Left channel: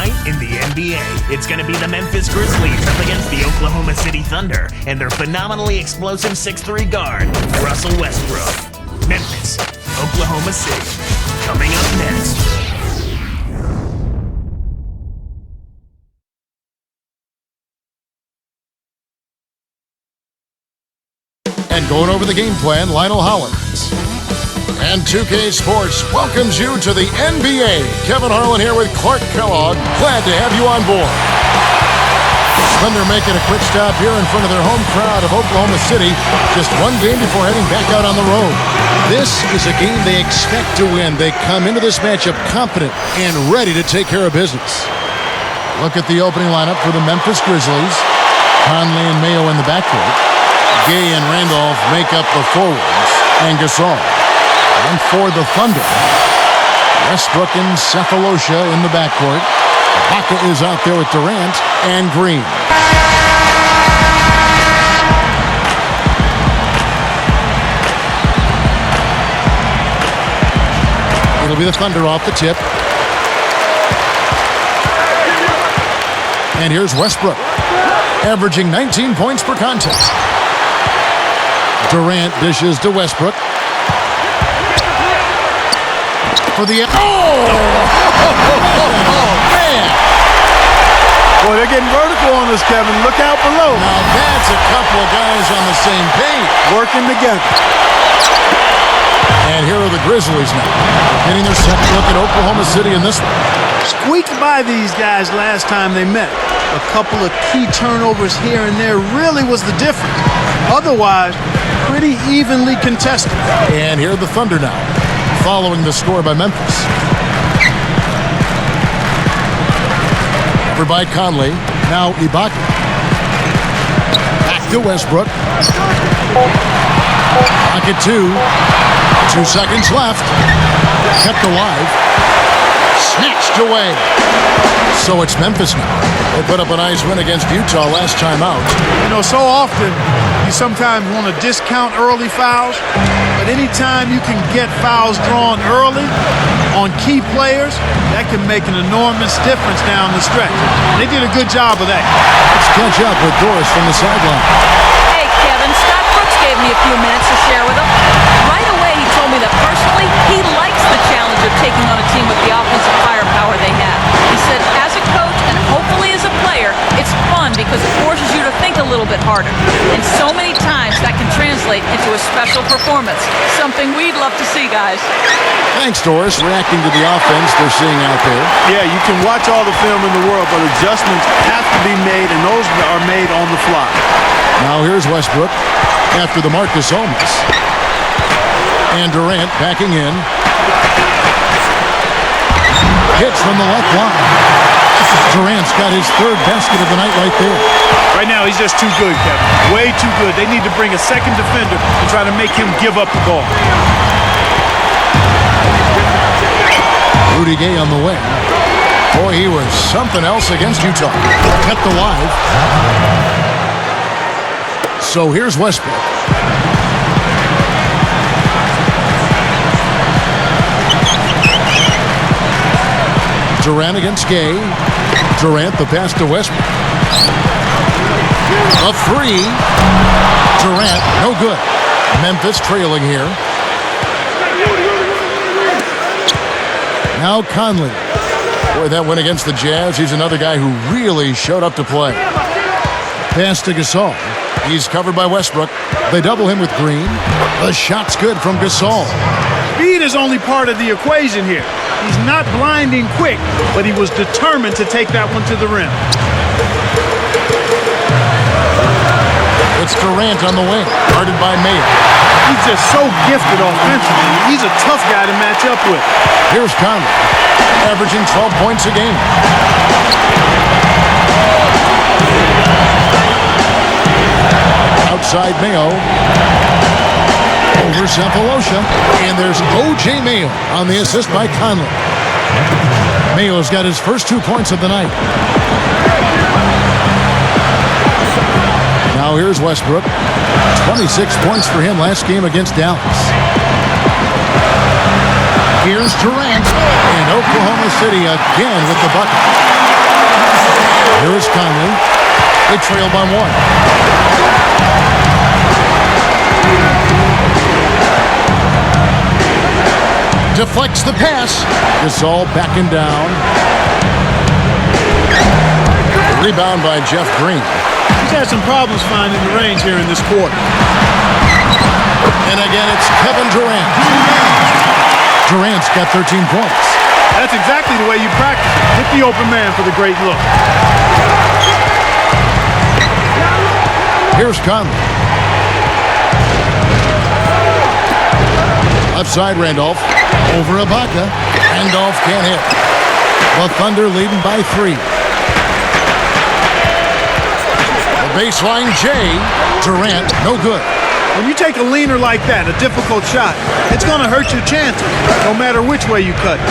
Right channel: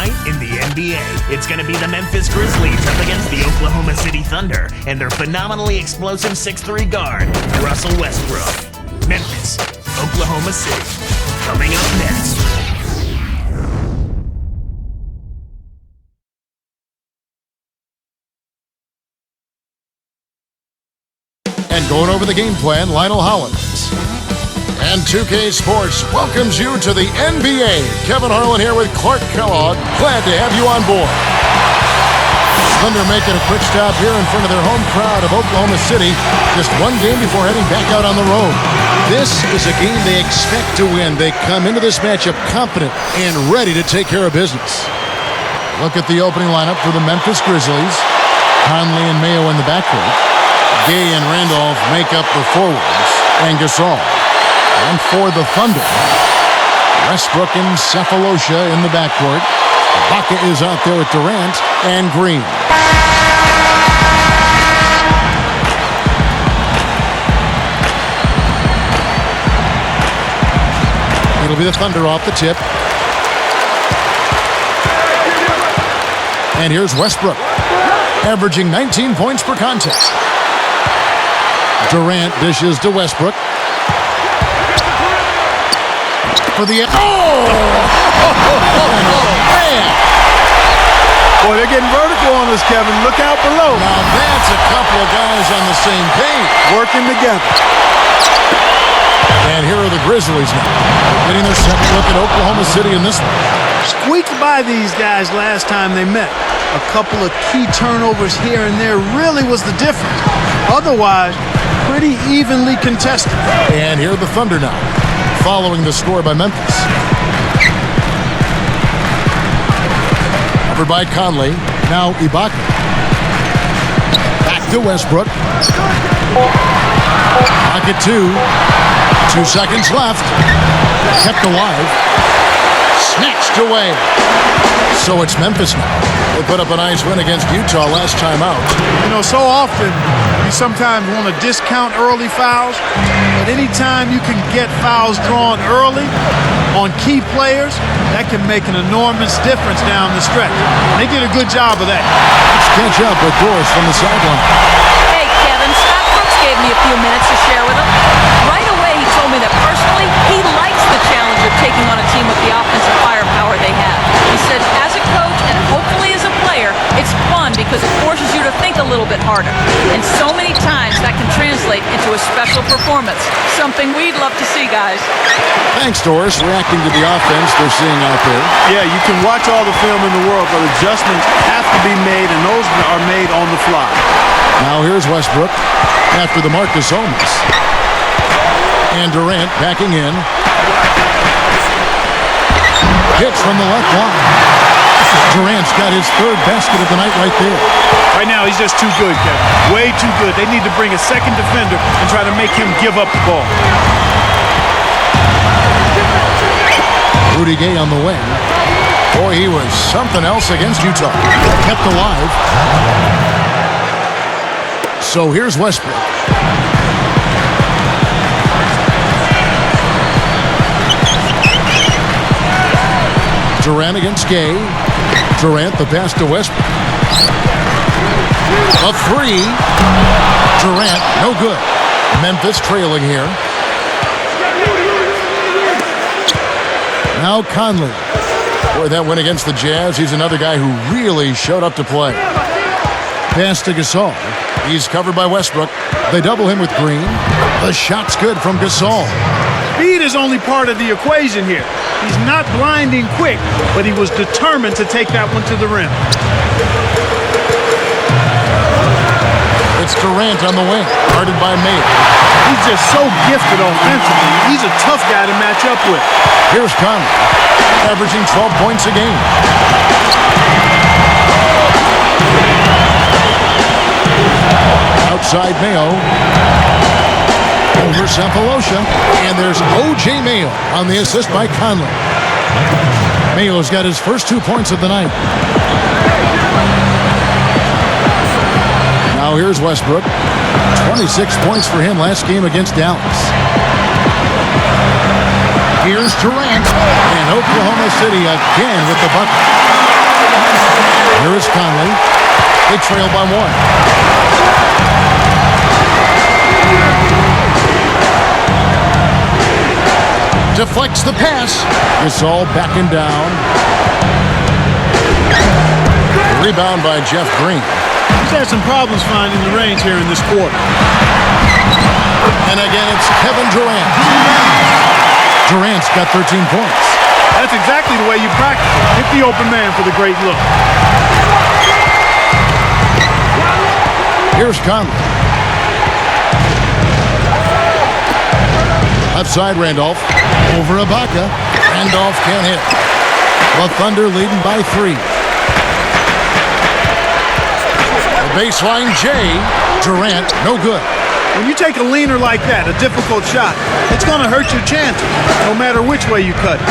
night in the NBA. It's going to be the Memphis Grizzlies up against the Oklahoma City Thunder and their phenomenally explosive 6'3 guard, Russell Westbrook. Memphis, Oklahoma City. Coming up next. And going over the game plan, Lionel Hollins. And 2K Sports welcomes you to the NBA. Kevin Harlan here with Clark Kellogg. Glad to have you on board. Thunder making a quick stop here in front of their home crowd of Oklahoma City. Just one game before heading back out on the road. This is a game they expect to win. They come into this matchup confident and ready to take care of business. A look at the opening lineup for the Memphis Grizzlies. Conley and Mayo in the backcourt. Gay and Randolph make up the forwards. And Gasol. And for the Thunder, Westbrook and Cephalosha in the backcourt. Ibaka is out there with Durant and Green. It'll be the Thunder off the tip. And here's Westbrook, averaging 19 points per contest. Durant dishes to Westbrook. For the man. Boy, they're getting vertical on us, Kevin. Look out below. Now that's a couple of guys on the same page. Working together. And here are the Grizzlies now. They're getting their second look at Oklahoma City in this one. Squeaked by these guys last time they met. A couple of key turnovers here and there really was the difference. Otherwise, pretty evenly contested. And here are the Thunder now, following the score by Memphis. Covered by Conley. Now Ibaka. Back to Westbrook. Pocket 2. 2 seconds left. Kept alive. Snatched away. So it's Memphis now. They put up a nice win against Utah last time out. You know, so often you sometimes want to discount early fouls, but anytime you can get fouls drawn early on key players, that can make an enormous difference down the stretch. And they did a good job of that. Let's catch up with Doris from the sideline. Hey, Kevin, Scott Brooks gave me a few minutes to share with him. Right away, he told me that personally, he likes the challenge of taking on a team with the offensive firepower they have. He said, as a coach and hopefully as a player, it's fun because it forces you to think a little bit harder. And so many times that can translate into a special performance. Something we'd love to see, guys. Thanks, Doris, reacting to the offense they're seeing out there. Yeah, you can watch all the film in the world, but adjustments have to be made, and those are made on the fly. Now here's Westbrook after the Marcus Olmas. And Durant backing in. Hits from the left block. Durant's got his third basket of the night right there. Right now, he's just too good, Kevin. Way too good. They need to bring a second defender and try to make him give up the ball. Rudy Gay on the wing. Boy, he was something else against Utah. Kept alive. So here's Westbrook. Durant against Gay. Durant the pass to Westbrook. The three. Durant, no good. Memphis trailing here. Now Conley. Boy, that win against the Jazz. He's another guy who really showed up to play. Pass to Gasol. He's covered by Westbrook. They double him with Green. The shot's good from Gasol. Speed is only part of the equation here. He's not blinding quick, but he was determined to take that one to the rim. It's Durant on the wing, guarded by Mayo. He's just so gifted offensively. He's a tough guy to match up with. Here's Conley, averaging 12 points a game. Outside Mayo. Over Cephalosha. And there's O.J. Mayo on the assist by Conley. Mayo's got his first 2 points of the night. Now here's Westbrook. 26 points for him last game against Dallas. Here's Durant. And Oklahoma City again with the bucket. Here is Conley. They trail by 1. Deflects the pass. Gasol backing down. Rebound by Jeff Green. He's had some problems finding the range here in this quarter. And again, it's Kevin Durant. Durant's got 13 points. That's exactly the way you practice it. Hit the open man for the great look. Here's Conley. Left side, Randolph. Over Ibaka. Randolph can't hit. The Thunder leading by 3. The baseline, Jay. Durant, no good. When you take a leaner like that, a difficult shot, it's going to hurt your chances, no matter which way you cut it.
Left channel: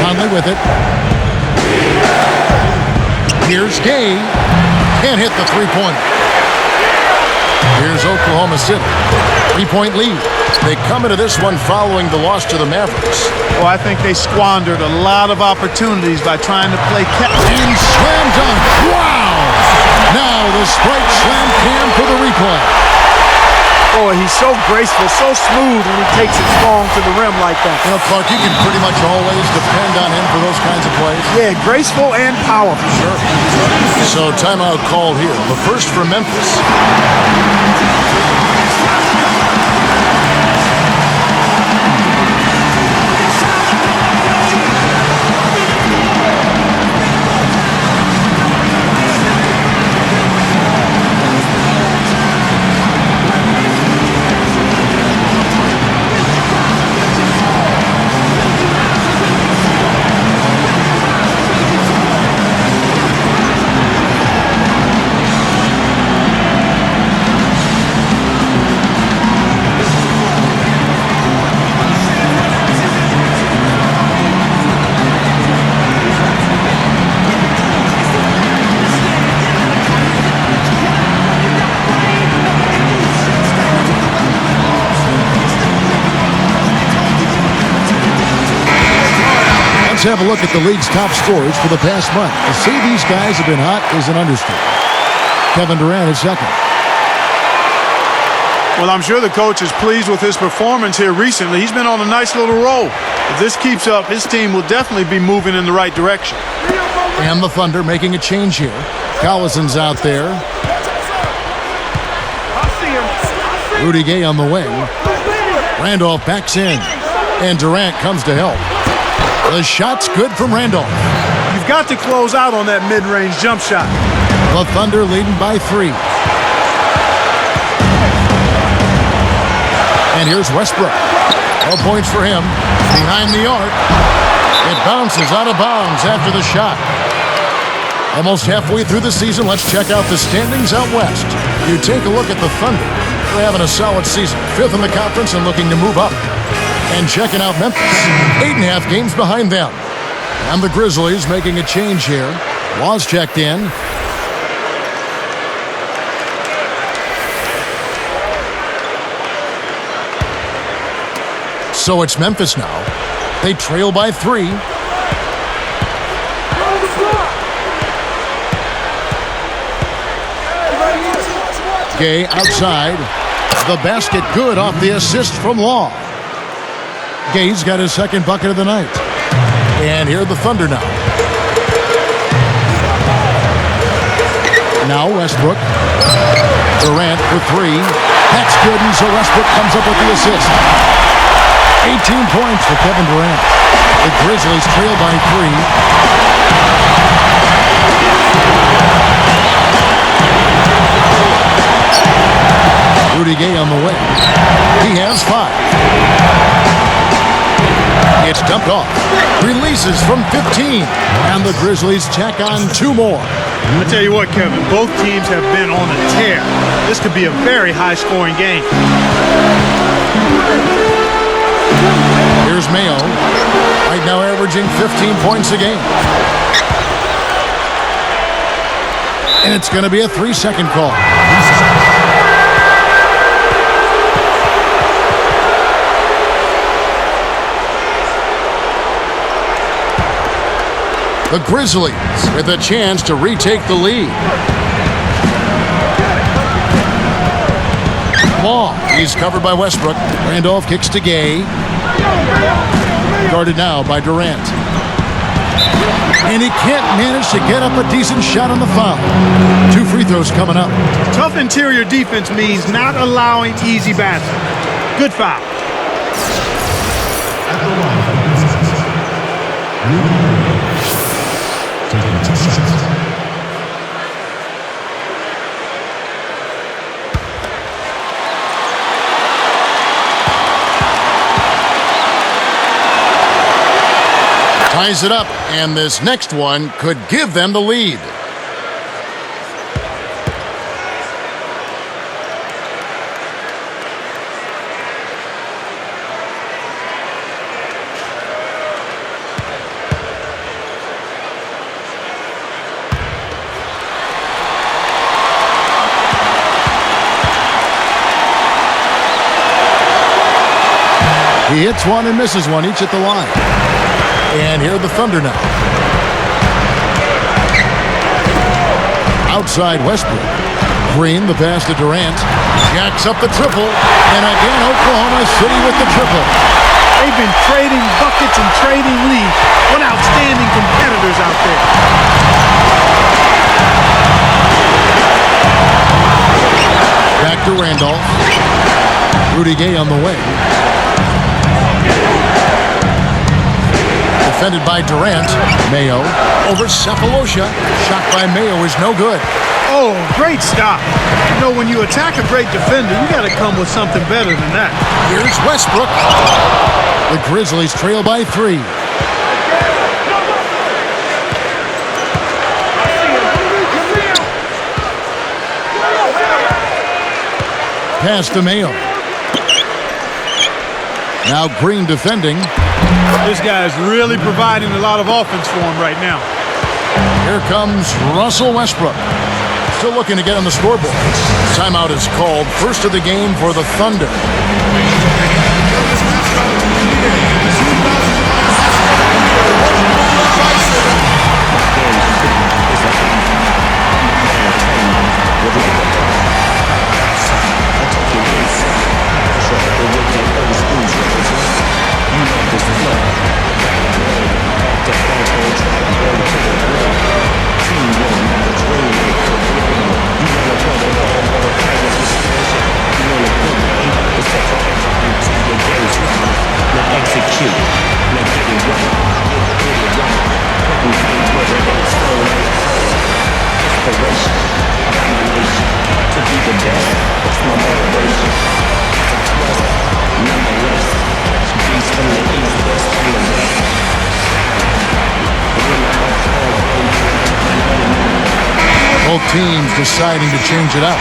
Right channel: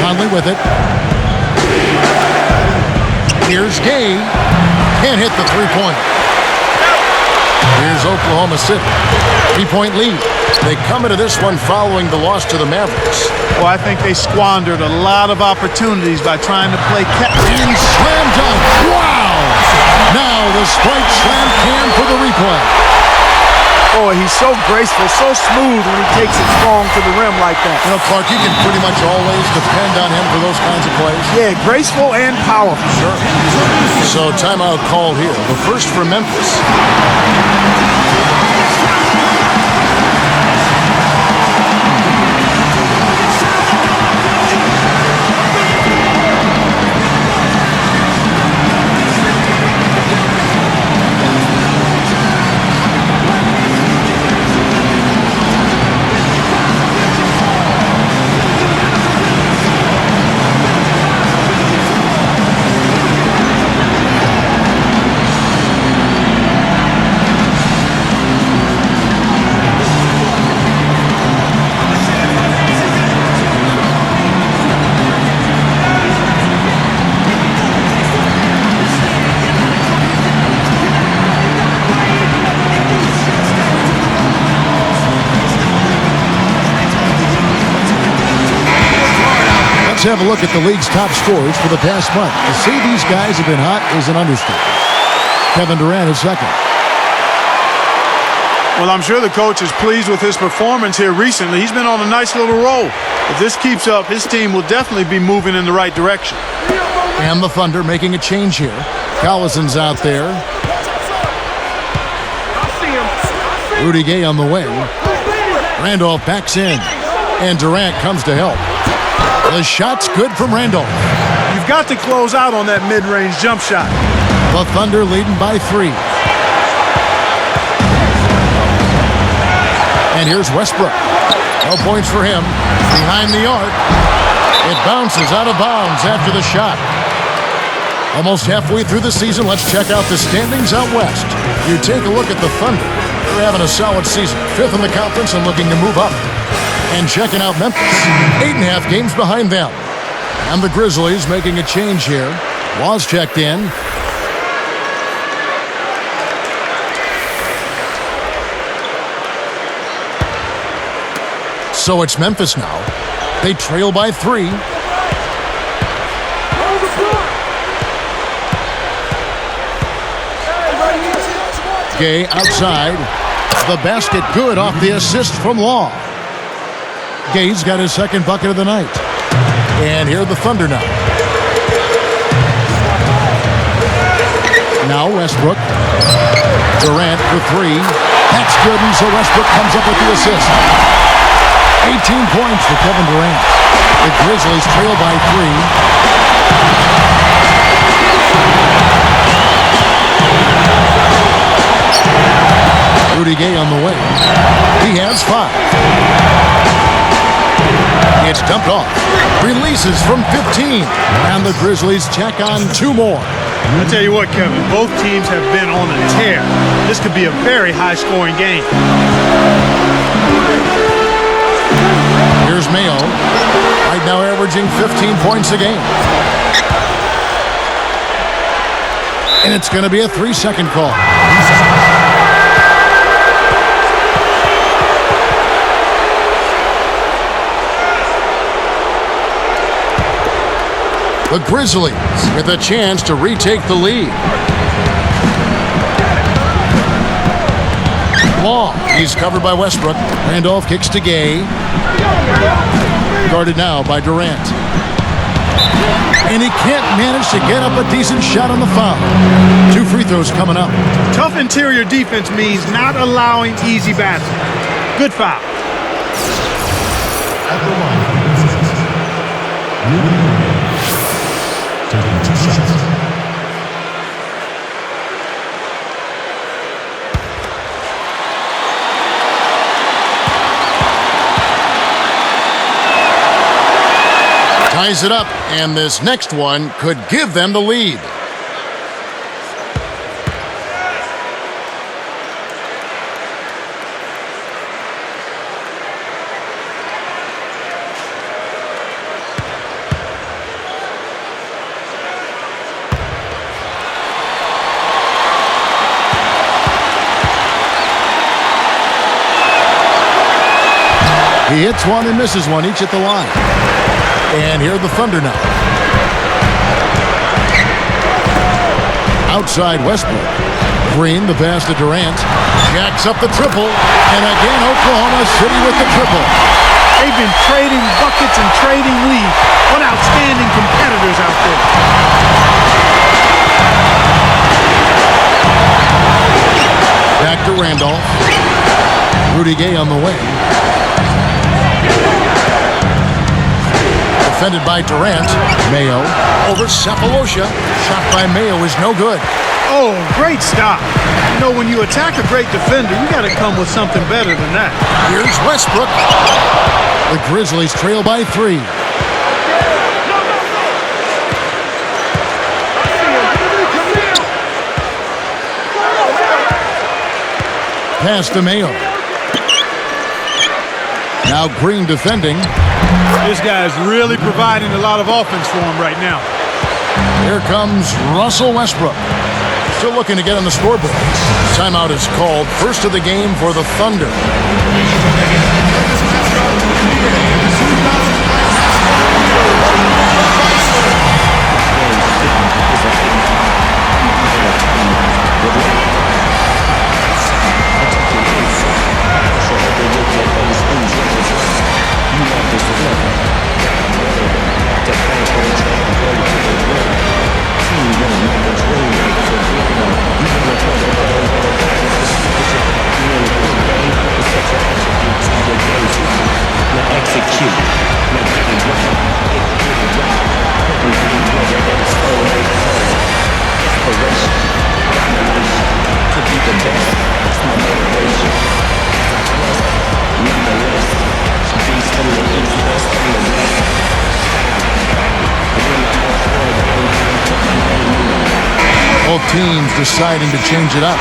Conley with it. Here's Gay. Can't hit the three-pointer. Here's Oklahoma City. 3-point lead. They come into this one following the loss to the Mavericks. Oh, I think they squandered a lot of opportunities by trying to play And slam dunk. Wow! Now the Sprite Slam cam for the replay. Boy, he's so graceful, so smooth when he takes it strong to the rim like that. You know, Clark, you can pretty much always depend on him for those kinds of plays. Yeah, graceful and powerful. Sure. So timeout called here. The first for Memphis. Let's have a look at the league's top scorers for the past month. To say these guys have been hot is an understatement. Kevin Durant is second. Well, I'm sure the coach is pleased with his performance here recently. He's been on a nice little roll. If this keeps up, his team will definitely be moving in the right direction. And the Thunder making a change here. Collison's out there. Rudy Gay on the wing. Randolph backs in. And Durant comes to help. The shot's good from Randolph. You've got to close out on that mid-range jump shot. The Thunder leading by 3. And here's Westbrook. No points for him. Behind the arc. It bounces out of bounds after the shot. Almost halfway through the season, let's check out the standings out west. You take a look at the Thunder. They're having a solid season. 5th in the conference and looking to move up. And checking out Memphis, 8.5 games behind them. And the Grizzlies making a change here. Waz checked in. So it's Memphis now. They trail by 3. Gay outside. The basket good off the assist from Law. Gay's got his second bucket of the night. And here are the Thunder now. Now Westbrook. Durant for 3. That's good, and so Westbrook comes up with the assist. 18 points for Kevin Durant. The Grizzlies trail by 3. Rudy Gay on the wing. He has 5. It's dumped off. Releases from 15. And the Grizzlies check on 2 more. I tell you what, Kevin, both teams have been on a tear. This could be a very high-scoring game. Here's Mayo. Right now averaging 15 points a game. And it's going to be a 3-second call. The Grizzlies with a chance to retake the lead. Law, he's covered by Westbrook. Randolph kicks to Gay. Guarded now by Durant. And he can't manage to get up a decent shot on the foul. 2 free throws coming up. Tough interior defense means not allowing easy baskets. Good foul. Ties it up, and this next one could give them the lead. He hits one and misses one, each at the line. And here are the Thunder now. Outside Westbrook. Green, the pass to Durant. Jacks up the triple. And again, Oklahoma City with the triple. They've been trading buckets and trading leads. What outstanding competitors out there. Back to Randolph. Rudy Gay on the wing. Defended by Durant. Mayo over Cephalosha. Shot by Mayo is no good. Oh, great stop. You know, when you attack a great defender, you got to come with something better than that. Here's Westbrook. The Grizzlies trail by 3. Pass to Mayo. Now Green defending. This guy's really providing a lot of offense for him right now. Here comes Russell Westbrook. Still looking to get on the scoreboard. Timeout is called. First of the game for the Thunder. Both teams deciding to change it up.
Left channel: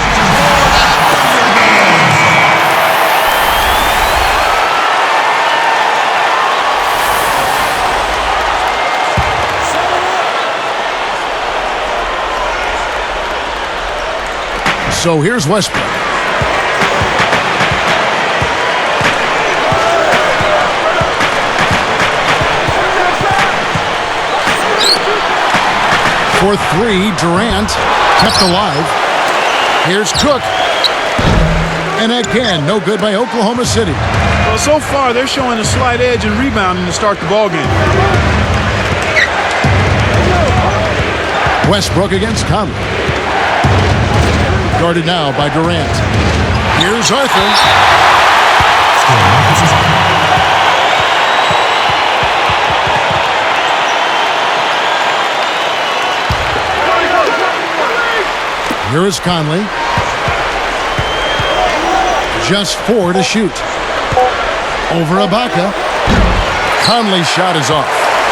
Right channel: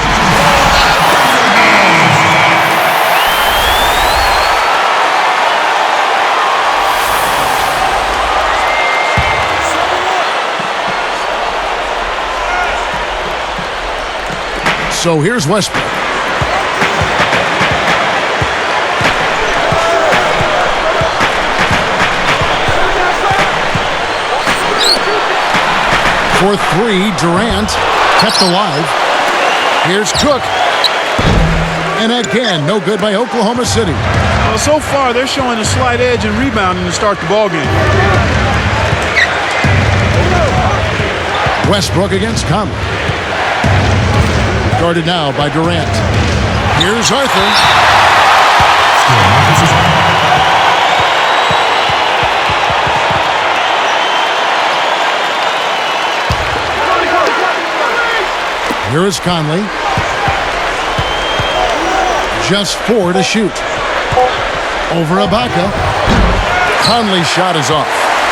So here's Westbrook. For 3, Durant kept alive. Here's Cook. And again, no good by Oklahoma City. Well, so far, they're showing a slight edge in rebounding to start the ball game. Westbrook against Conley. Guarded now by Durant. Here's Arthur. Here is Conley. Just 4 to shoot. Over Ibaka. Conley's shot is off.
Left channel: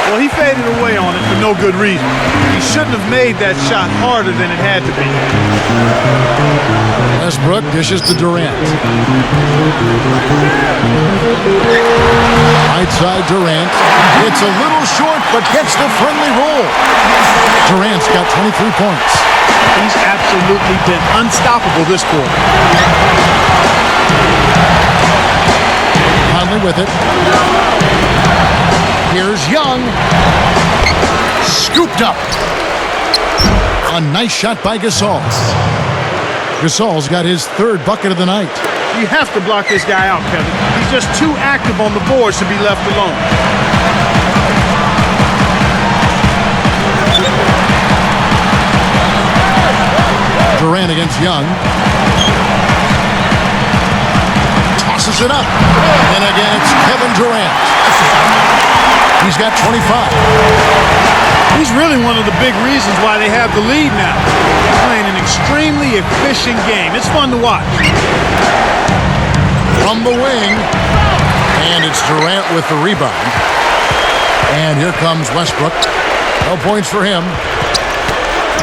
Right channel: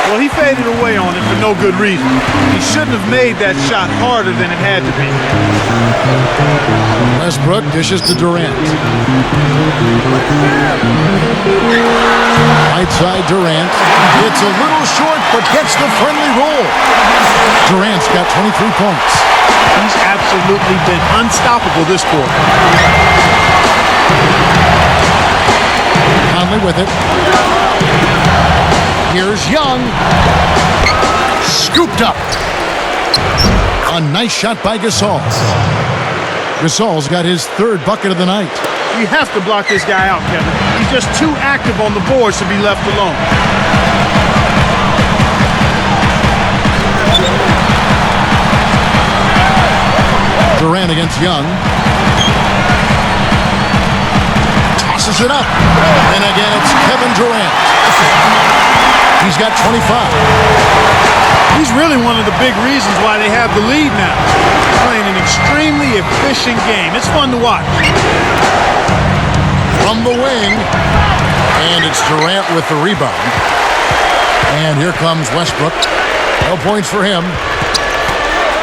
Well, he faded away on it for no good reason. He shouldn't have made that shot harder than it had to be. Westbrook dishes to Durant. Right side Durant. It's a little short, but gets the friendly roll. Durant's got 23 points. He's absolutely been unstoppable this quarter. Conley with it. Here's Young. Scooped up. A nice shot by Gasol. Gasol's got his third bucket of the night. You have to block this guy out, Kevin. He's just too active on the boards to be left alone. Durant against Young. Tosses it up. Then again, it's Kevin Durant. He's got 25. He's really one of the big reasons why they have the lead now. He's playing an extremely efficient game. It's fun to watch. From the wing. And it's Durant with the rebound. And here comes Westbrook. No points for him.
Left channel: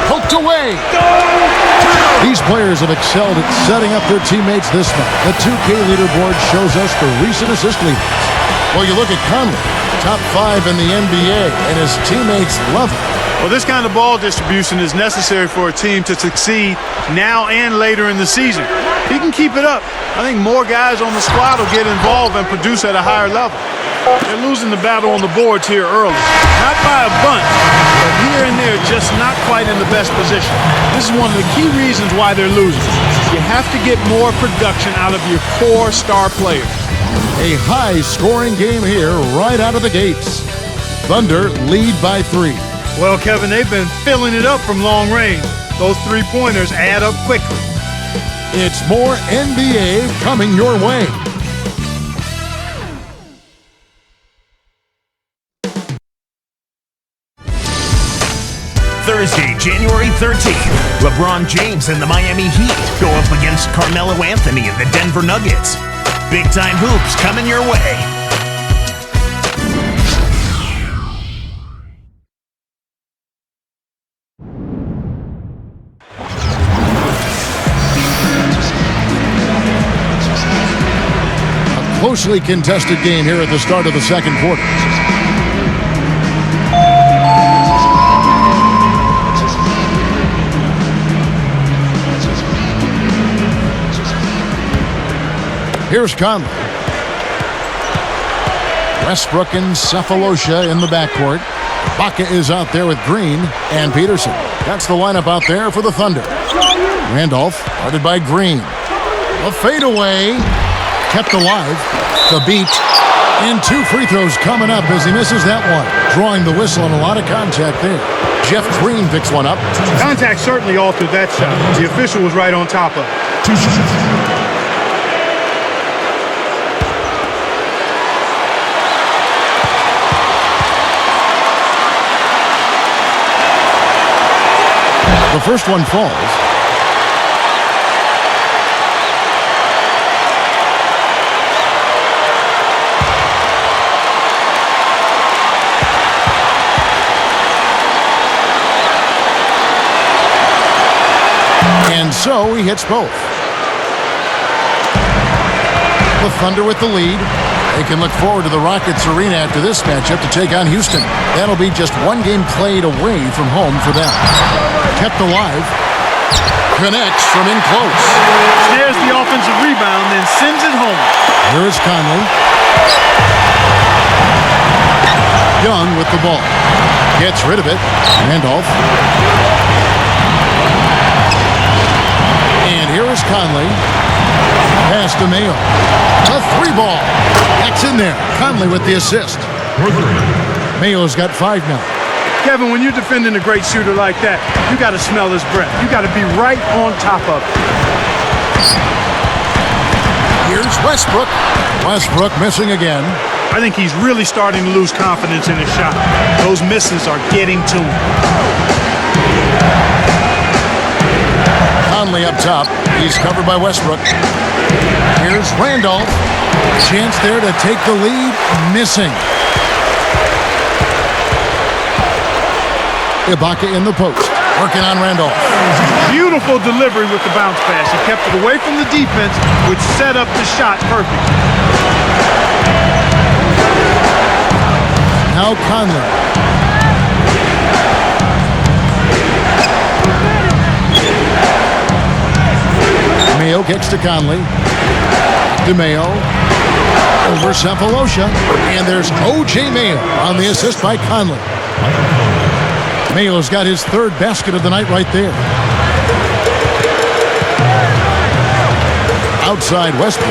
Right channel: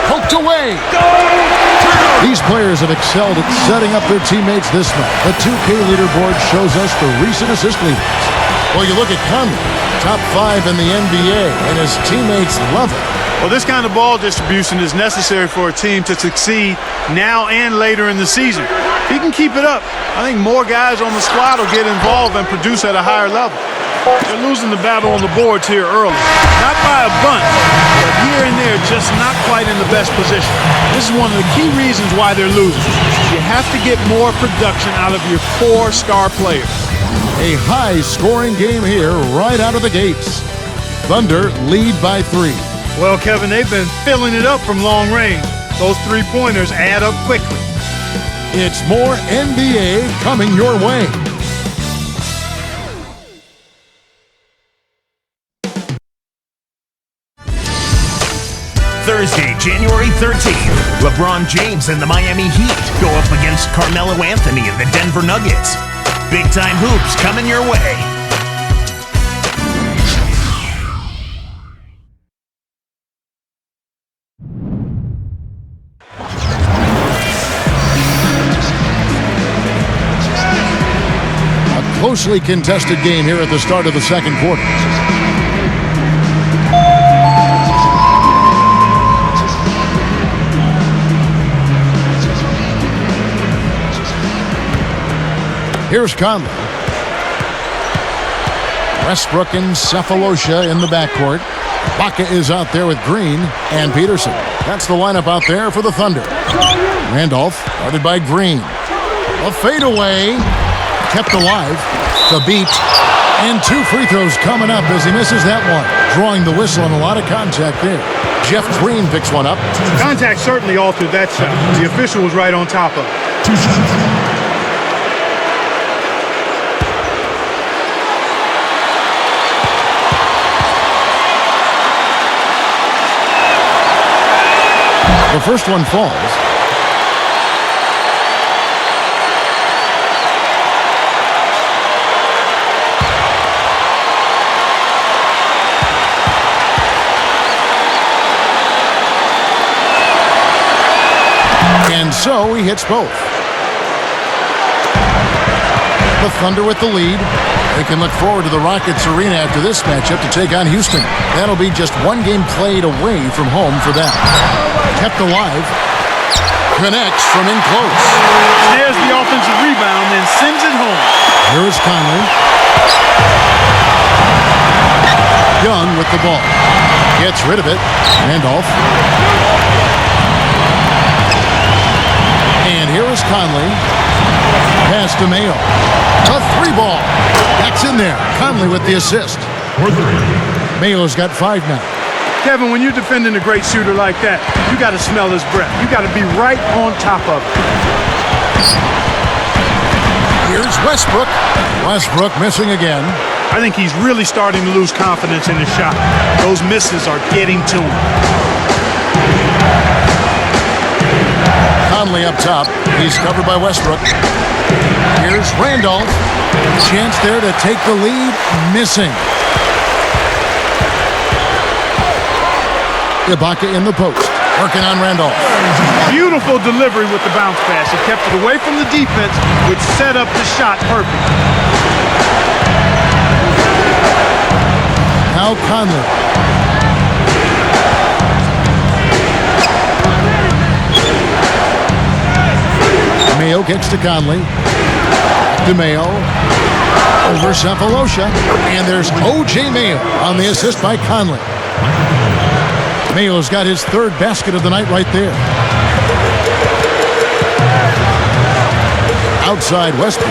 Poked away. These players have excelled at setting up their teammates this month. The 2K leaderboard shows us the recent assist leaders. Well, you look at Conley, top 5 in the NBA, and his teammates love it. Well, this kind of ball distribution is necessary for a team to succeed now and later in the season. If he can keep it up, I think more guys on the squad will get involved and produce at a higher level. They're losing the battle on the boards here early. Not by a bunch, but here and there just not quite in the best position. This is one of the key reasons why they're losing. You have to get more production out of your core star players. A high-scoring game here right out of the gates. Thunder lead by 3. Well, Kevin, they've been filling it up from long range. Those three-pointers add up quickly. It's more NBA coming your way. Thursday, January 13th, LeBron James and the Miami Heat go up against Carmelo Anthony and the Denver Nuggets. Big-time hoops coming your way. A closely contested game here at the start of the second quarter. Here's Conley. Westbrook and Cephalosha in the backcourt. Ibaka is out there with Green and Peterson. That's the lineup out there for the Thunder. Randolph guarded by Green. A fadeaway. Kept alive. The beat. And 2 free throws coming up as he misses that one. Drawing the whistle and a lot of contact there. Jeff Green picks one up. Contact certainly altered that shot. The official was right on top of it. 2 shots. The first one falls. And so he hits both. The Thunder with the lead. They can look forward to the Rockets Arena after this matchup to take on Houston. That'll be just one game played away from home for them. Kept alive. Connects from in close. Snares the offensive rebound, then sends it home. Here is Conley. Young with the ball. Gets rid of it. Randolph. And here is Conley. Pass to Mayo. A 3-ball. That's in there. Conley with the assist. Mayo's got 5 now. Kevin, when you're defending a great shooter like that, you got to smell his breath. You got to be right on top of it. Here's Westbrook. Westbrook missing again. I think he's really starting to lose confidence in his shot. Those misses are getting to him. Conley up top. He's covered by Westbrook. Here's Randolph. Chance there to take the lead. Missing. Ibaka in the post. Working on Randolph. Beautiful delivery with the bounce pass. He kept it away from the defense, which set up the shot perfectly. Now Conley. Mayo kicks to Conley. Back to Mayo. Over Cephalosha. And there's O.J. Mayo on the assist by Conley. Mayo's got his third basket of the night right there. Outside Westbrook.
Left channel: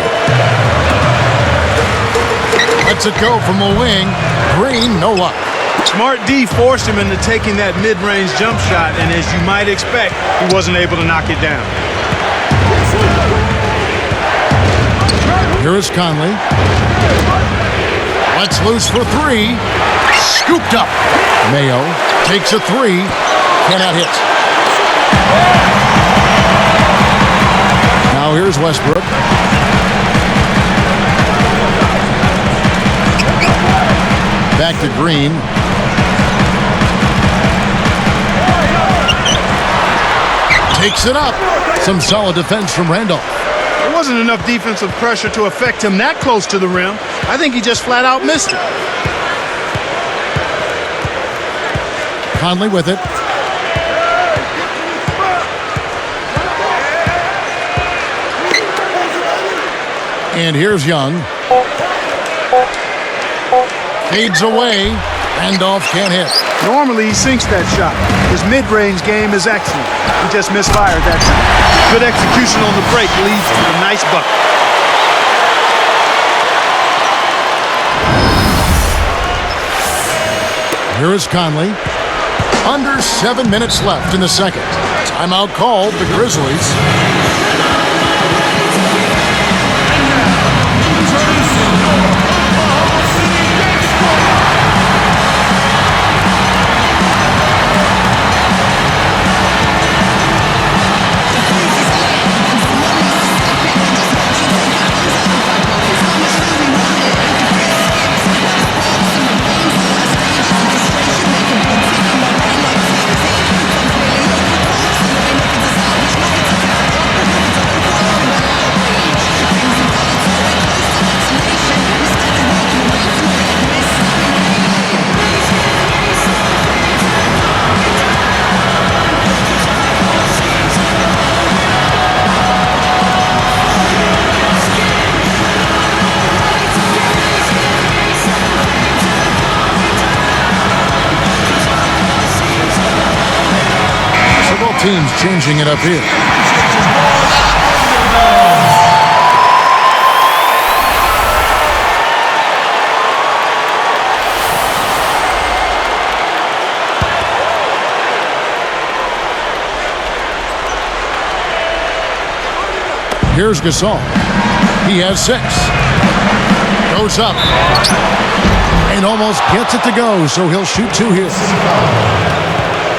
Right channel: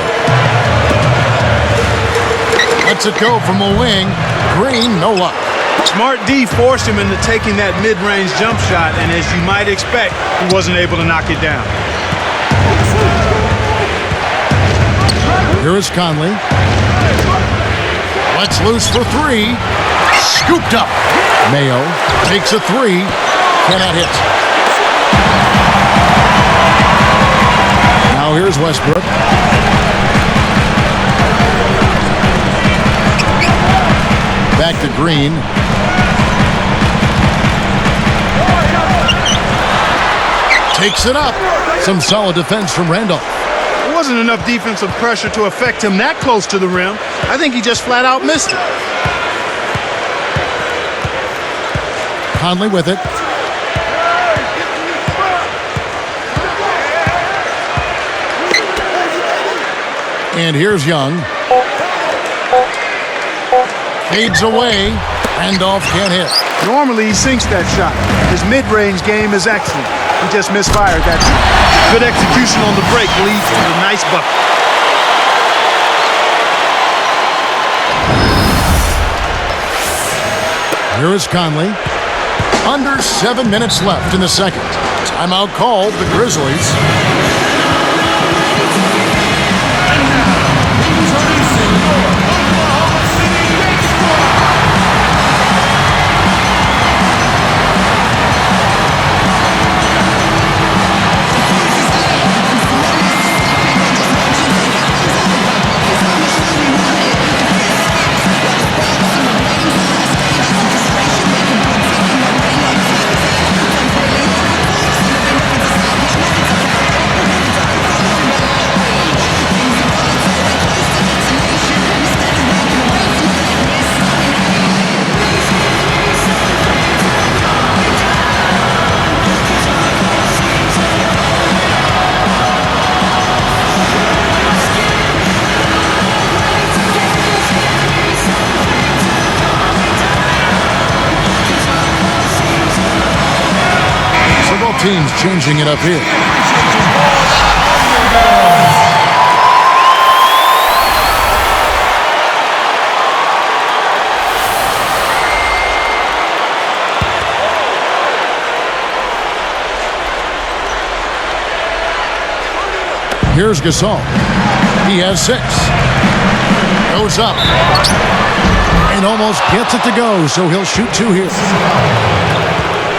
Lets it go from the wing. Green, no luck. Smart D forced him into taking that mid-range jump shot, and as you might expect, he wasn't able to knock it down. Here is Conley. Lets loose for three. Scooped up. Mayo takes a three. Cannot hit. Now here's Westbrook. Back to Green. Takes it up. Some solid defense from Randolph. There wasn't enough defensive pressure to affect him that close to the rim. I think he just flat out missed it. Conley with it. And here's Young. Fades away. Randolph can't hit. Normally, he sinks that shot. His mid-range game is excellent. He just misfired that time. Good execution on the break leads to the nice bucket. Here is Conley. Under 7 minutes left in the second. Timeout called, the Grizzlies. Several teams changing it up here. Here's Gasol. He has 6. Goes up. And almost gets it to go, so he'll shoot 2 here.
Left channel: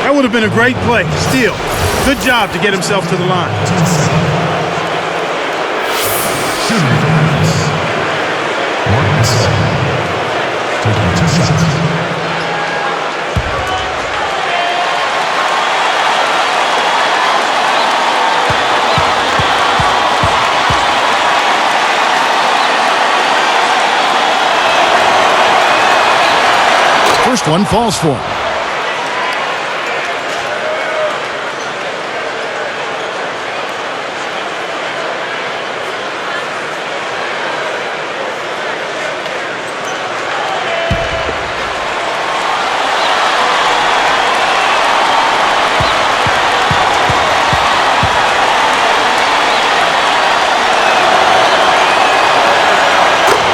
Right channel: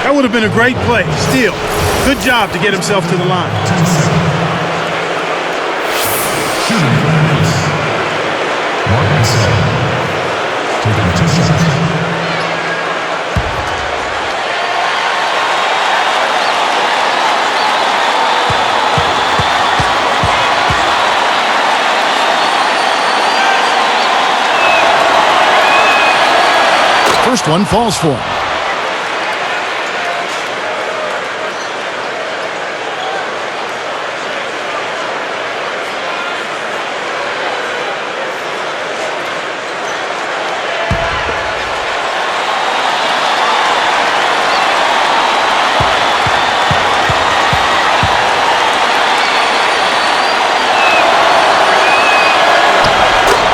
That would have been a great play. Still, good job to get himself to the line. First one falls for him.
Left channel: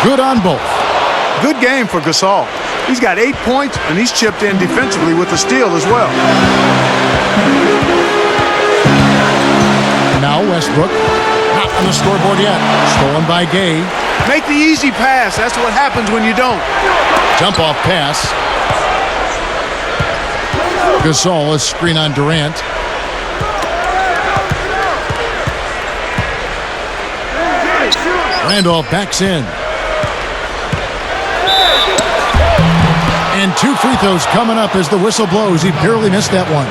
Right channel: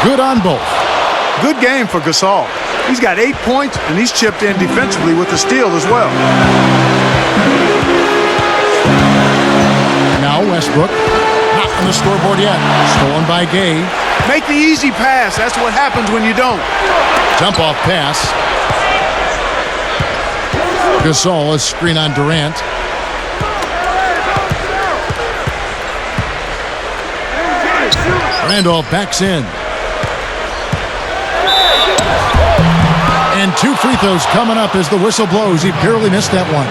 Good on both. Good game for Gasol. He's got 8 points, and he's chipped in defensively with the steal as well. Now Westbrook. Not on the scoreboard yet. Stolen by Gay. Make the easy pass. That's what happens when you don't. Jump off pass. Gasol, a screen on Durant. Randolph backs in. And 2 free throws coming up as the whistle blows. He barely missed that one.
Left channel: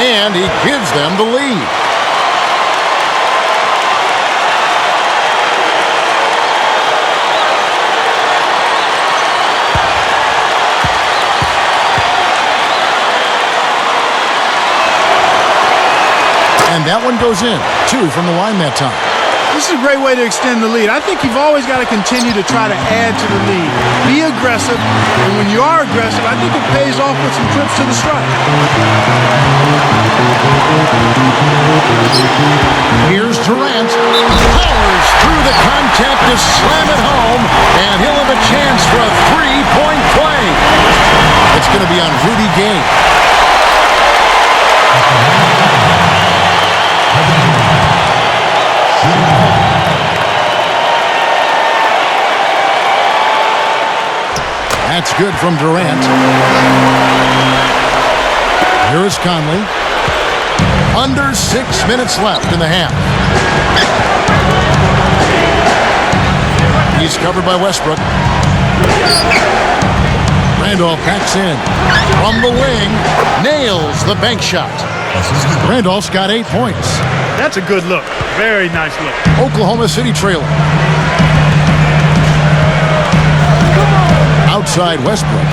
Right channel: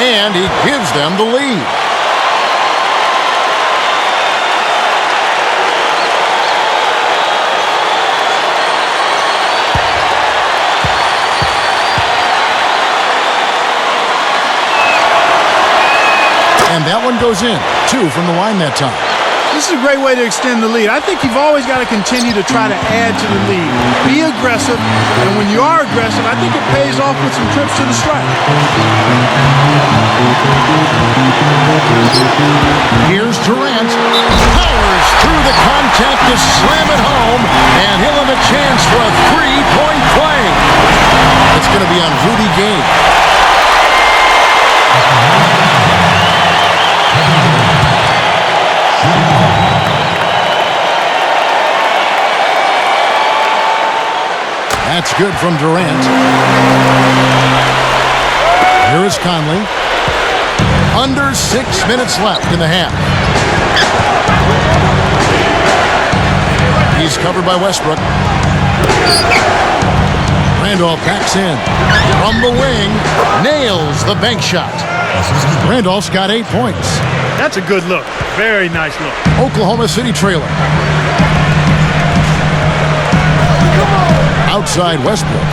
And he gives them the lead. And that one goes in. 2 from the line that time. This is a great way to extend the lead. I think you've always got to continue to try to add to the lead. Be aggressive, and when you are aggressive, I think it pays off with some trips to the stripe. Here's Durant. Powers through the contact to slam it home, and he'll have a chance for a three-point play. It's going to be on Rudy Gay. That's good from Durant. Here is Conley. Under 6 minutes left in the half. He's covered by Westbrook. Randolph backs in. From the wing, nails the bank shot. Randolph's got 8 points. That's a good look. Very nice look. Oklahoma City trailing. Outside Westbrook.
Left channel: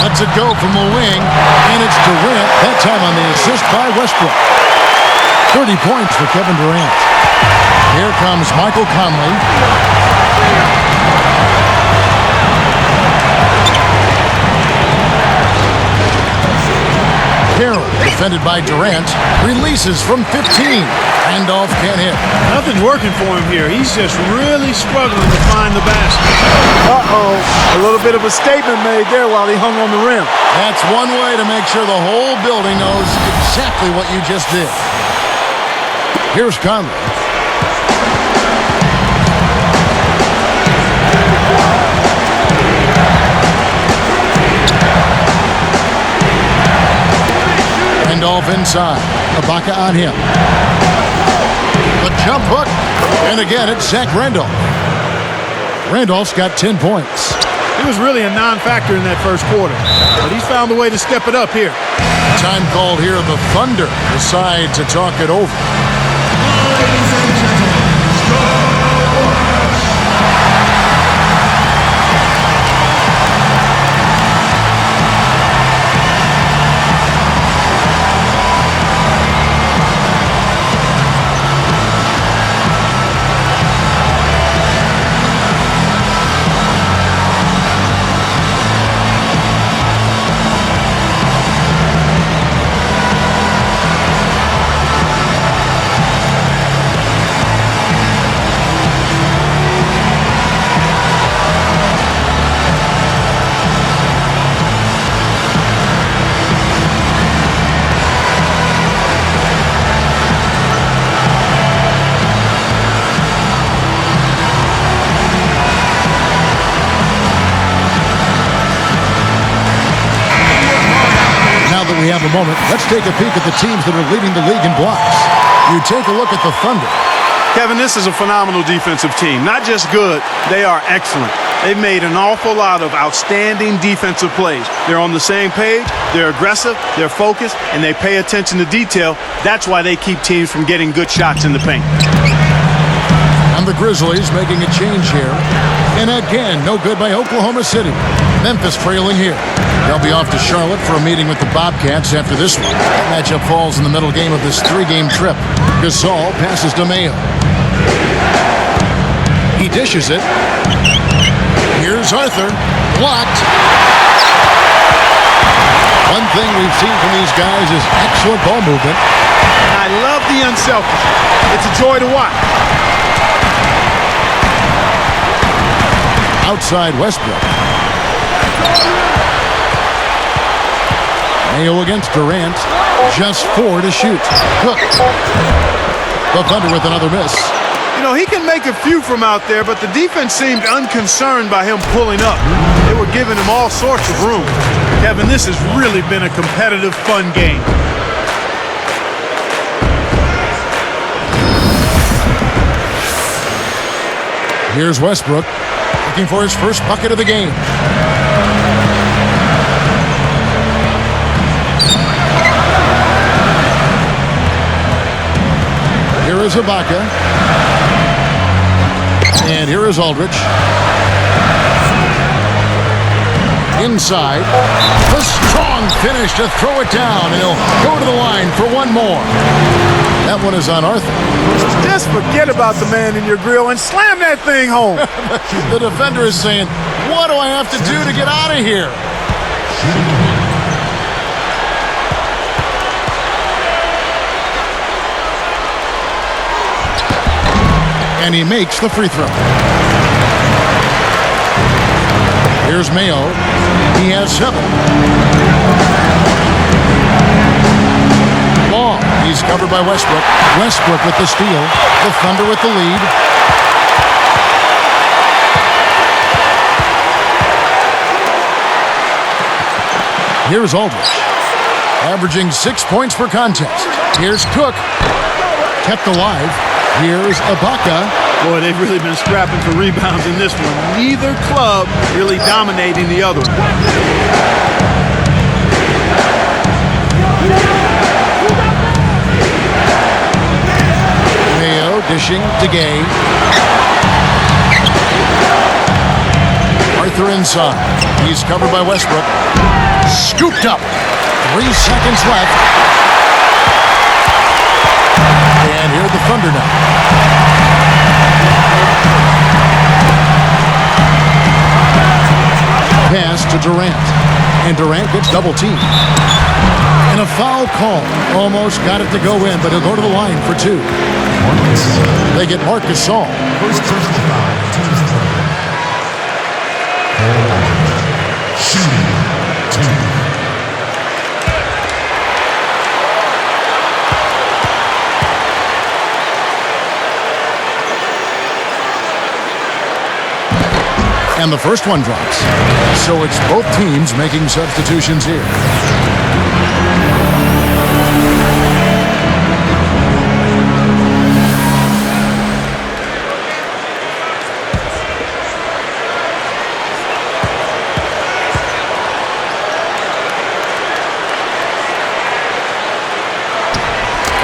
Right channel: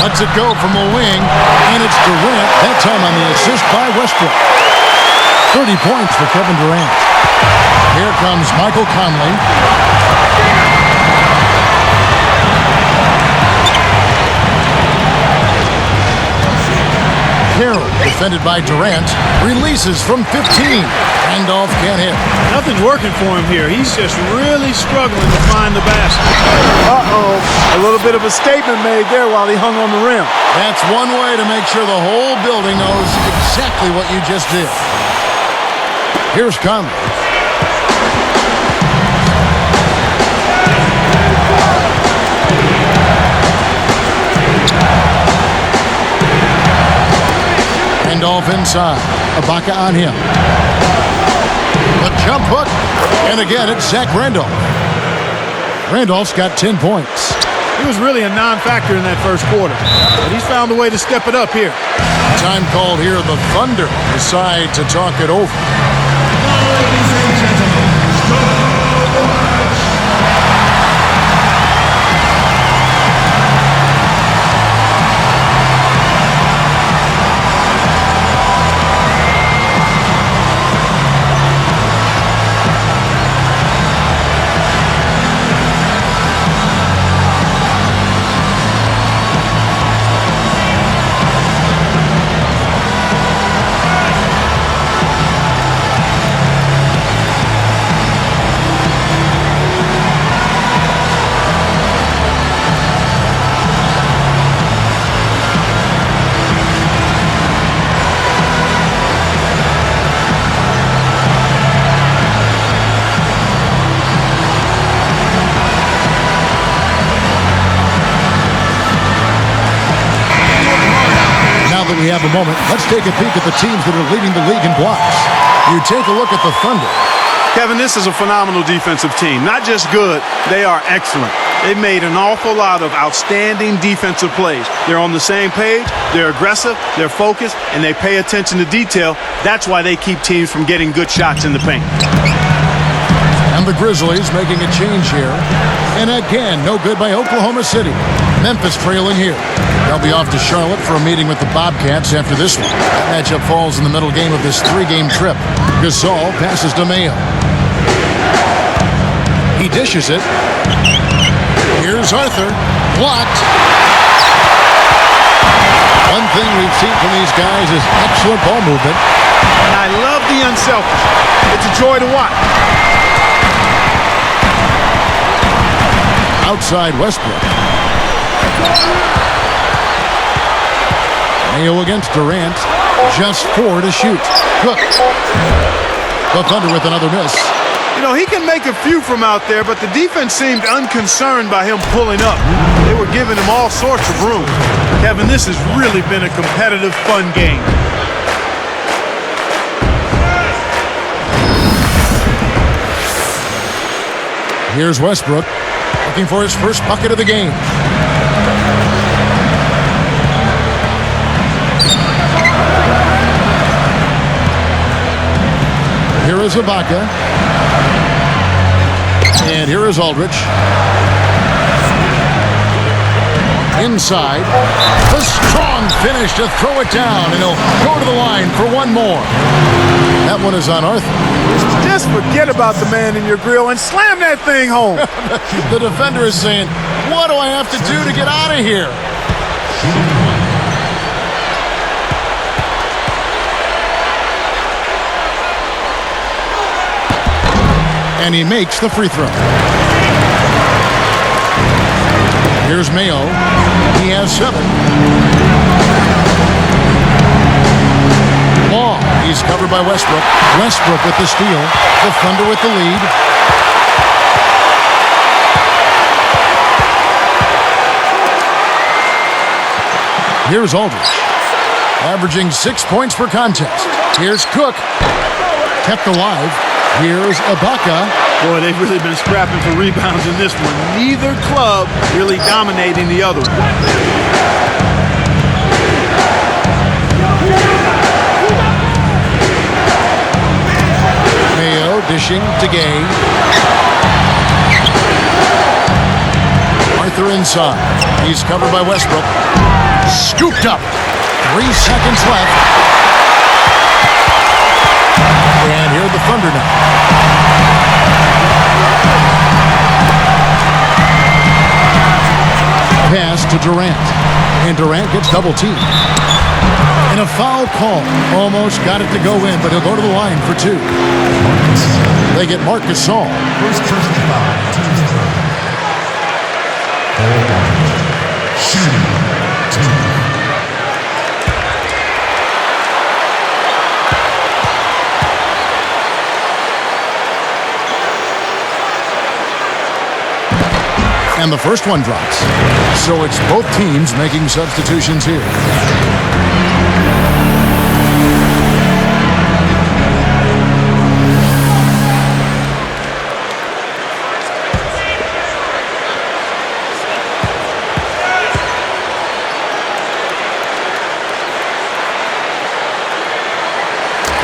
Lets it go from the wing, and it's Durant, that time on the assist by Westbrook. 30 points for Kevin Durant. Here comes Michael Conley. Carroll, defended by Durant, releases from 15. Randolph can't hit. Nothing's working for him here. He's just really struggling to find the basket. A little bit of a statement made there while he hung on the rim. That's one way to make sure the whole building knows exactly what you just did. Here's Conley. Randolph inside. Ibaka on him. The jump hook. And again, it's Zach Randolph. Randolph's got 10 points. He was really a non-factor in that first quarter, but he's found a way to step it up here. Time called here. The Thunder decide to talk it over. Now that we have a moment, let's take a peek at the teams that are leading the league in blocks. You take a look at the Thunder. Kevin, this is a phenomenal defensive team. Not just good, they are excellent. They've made an awful lot of outstanding defensive plays. They're on the same page, they're aggressive, they're focused, and they pay attention to detail. That's why they keep teams from getting good shots in the paint. And the Grizzlies making a change here. And again, no good by Oklahoma City. Memphis trailing here. They'll be off to Charlotte for a meeting with the Bobcats after this one. That matchup falls in the middle game of this 3-game trip. Gasol passes to Mayo. He dishes it. Here's Arthur. Blocked. One thing we've seen from these guys is excellent ball movement. And I love the unselfishness. It's a joy to watch. Outside Westbrook. Mayo against Durant. Just 4 to shoot. Cook. The Thunder with another miss. You know, he can make a few from out there, but the defense seemed unconcerned by him pulling up. They were giving him all sorts of room. Kevin, this has really been a competitive, fun game. Here's Westbrook looking for his first bucket of the game. Here is Ibaka. And here is Aldridge. Inside. A strong finish to throw it down, and he'll go to the line for one more. That one is on Arthur. Just forget about the man in your grill and slam that thing home. The defender is saying, what do I have to do to get out of here? And he makes the free throw. Here's Mayo. He has 7. Long. He's covered by Westbrook. Westbrook with the steal. The Thunder with the lead. Here's Aldridge. Averaging 6 points per contest. Here's Cook. Kept alive. Here's Ibaka. Boy, they've really been scrapping for rebounds in this one. Neither club really dominating the other one. Mayo dishing to Gay. Arthur inside. He's covered by Westbrook. Scooped up. 3 seconds left. And here are the Thunder now. Pass to Durant. And Durant gets double teamed. And a foul call. Almost got it to go in, but he'll go to the line for 2. They get Marc Gasol. First personal foul, team's third. Shooting, 2. And the first one drops. So it's both teams making substitutions here.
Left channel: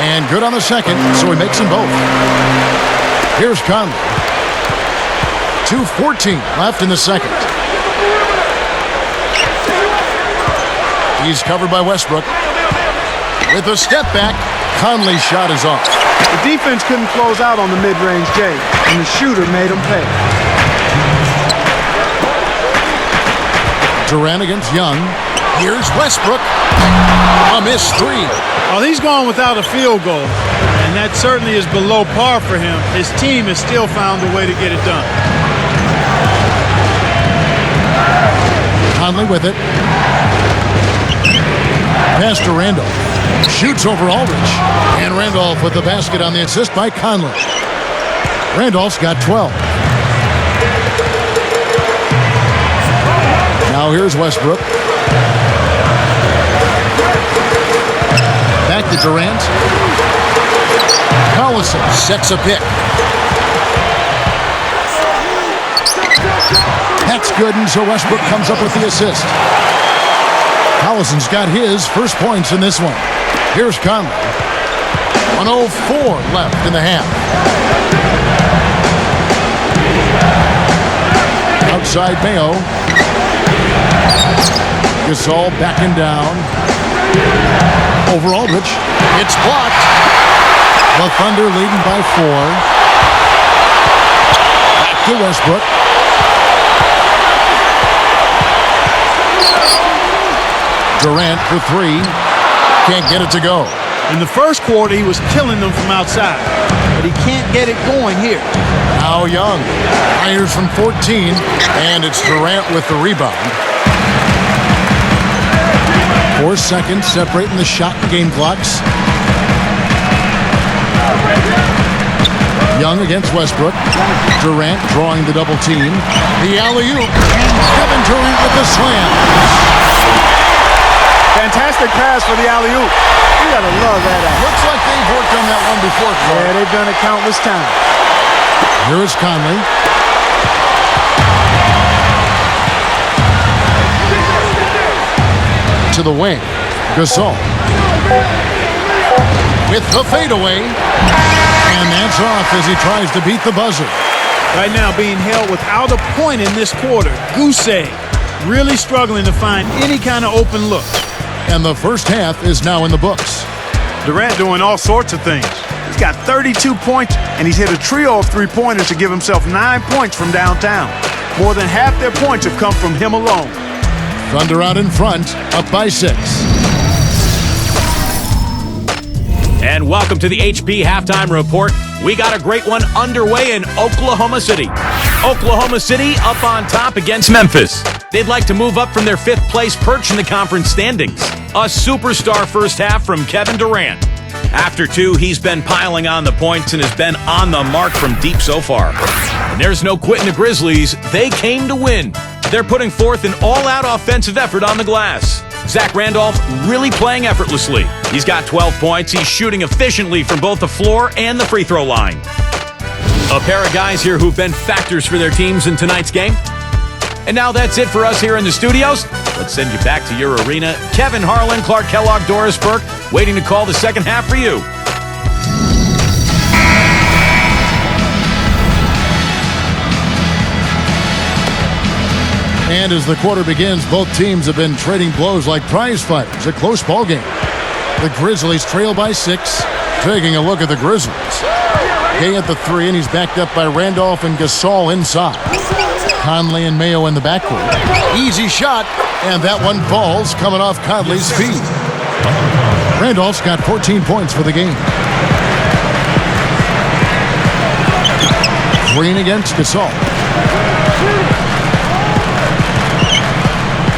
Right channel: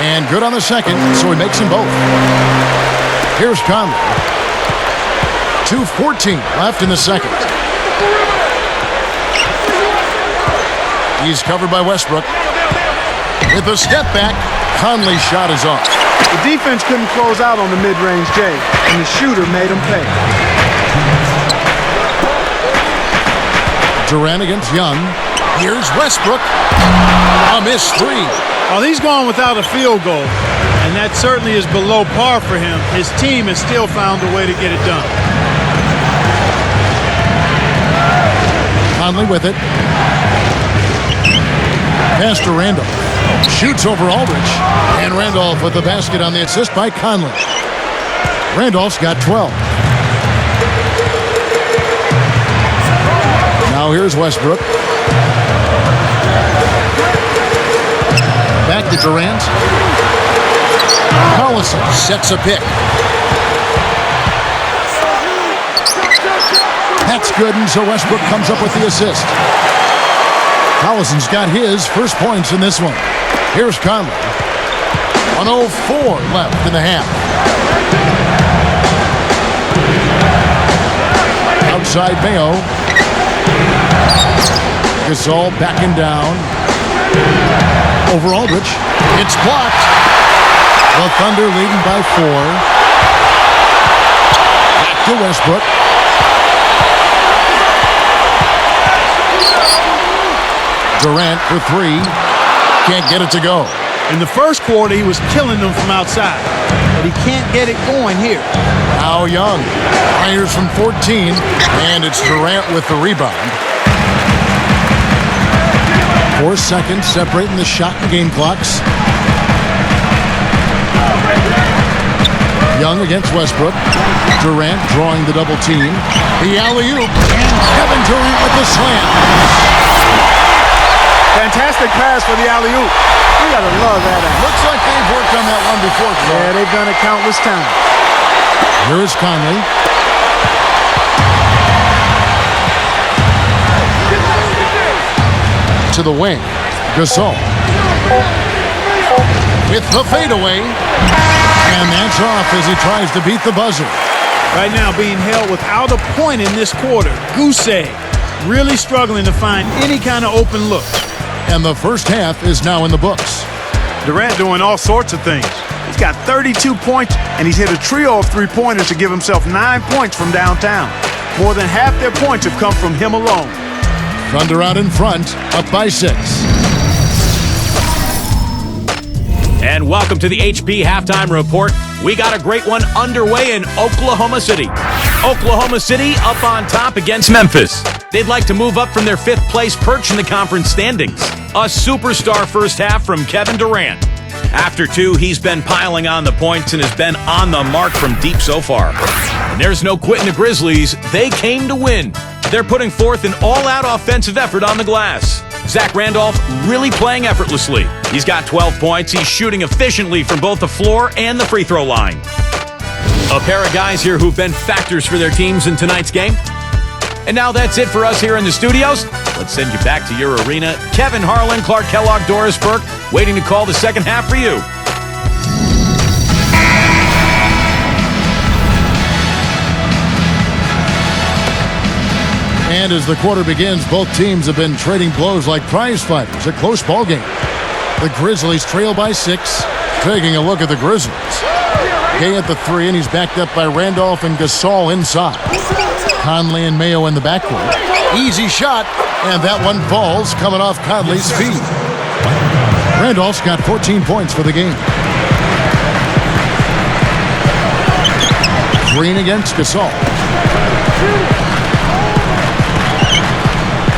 And good on the second, so he makes them both. Here's Conley. 2:14 left in the second. He's covered by Westbrook. With a step back, Conley's shot is off. The defense couldn't close out on the mid-range J, and the shooter made them pay. Durant against Young. Here's Westbrook. A missed 3. Well, he's gone without a field goal, and that certainly is below par for him. His team has still found a way to get it done. Conley with it. Pass to Randolph. Shoots over Aldridge. And Randolph with the basket on the assist by Conley. Randolph's got 12. Now here's Westbrook. Back to Durant. Collison sets a pick. That's good, and so Westbrook comes up with the assist. Collison's got his first points in this one. Here's Conley. 1:04 left in the half. Outside Mayo. Gasol backing down. Over Aldridge. It's blocked. The Thunder leading by 4. Back to Westbrook. Durant for 3. Can't get it to go. In the first quarter, he was killing them from outside, but he can't get it going here. Now Young fires from 14, and it's Durant with the rebound. 4 seconds separating the shot and game clocks. Young against Westbrook. Durant drawing the double team. The alley-oop, and Kevin Durant with the slam. Fantastic pass for the alley-oop. You gotta love that act. Looks like they've worked on that one before, Clark. Yeah, they've done it countless times. Here is Conley. To the wing. Gasol. With the fadeaway. And that's off as he tries to beat the buzzer. Right now being held without a point in this quarter. Goose egg. really struggling to find any kind of open look. And the first half is now in the books. Durant doing all sorts of things. He's got 32 points, and he's hit a trio of three-pointers to give himself 9 points from downtown. More than half their points have come from him alone. Thunder out in front, up by 6. And welcome to the HP Halftime Report. We got a great one underway in Oklahoma City. Oklahoma City up on top against Memphis. They'd like to move up from their 5th place perch in the conference standings. A superstar first half from Kevin Durant. After 2, he's been piling on the points and has been on the mark from deep so far. And there's no quitting the Grizzlies. They came to win. They're putting forth an all-out offensive effort on the glass. Zach Randolph really playing effortlessly. He's got 12 points. He's shooting efficiently from both the floor and the free throw line. A pair of guys here who've been factors for their teams in tonight's game. And now that's it for us here in the studios. Let's send you back to your arena. Kevin Harlan, Clark Kellogg, Doris Burke, waiting to call the second half for you. And as the quarter begins, both teams have been trading blows like prize fighters. A close ball game. The Grizzlies trail by 6. Taking a look at the Grizzlies. Gay at the 3, and he's backed up by Randolph and Gasol inside. Conley and Mayo in the backcourt. Easy shot, and that one falls, coming off Conley's feet. Randolph's got 14 points for the game. Green against Gasol.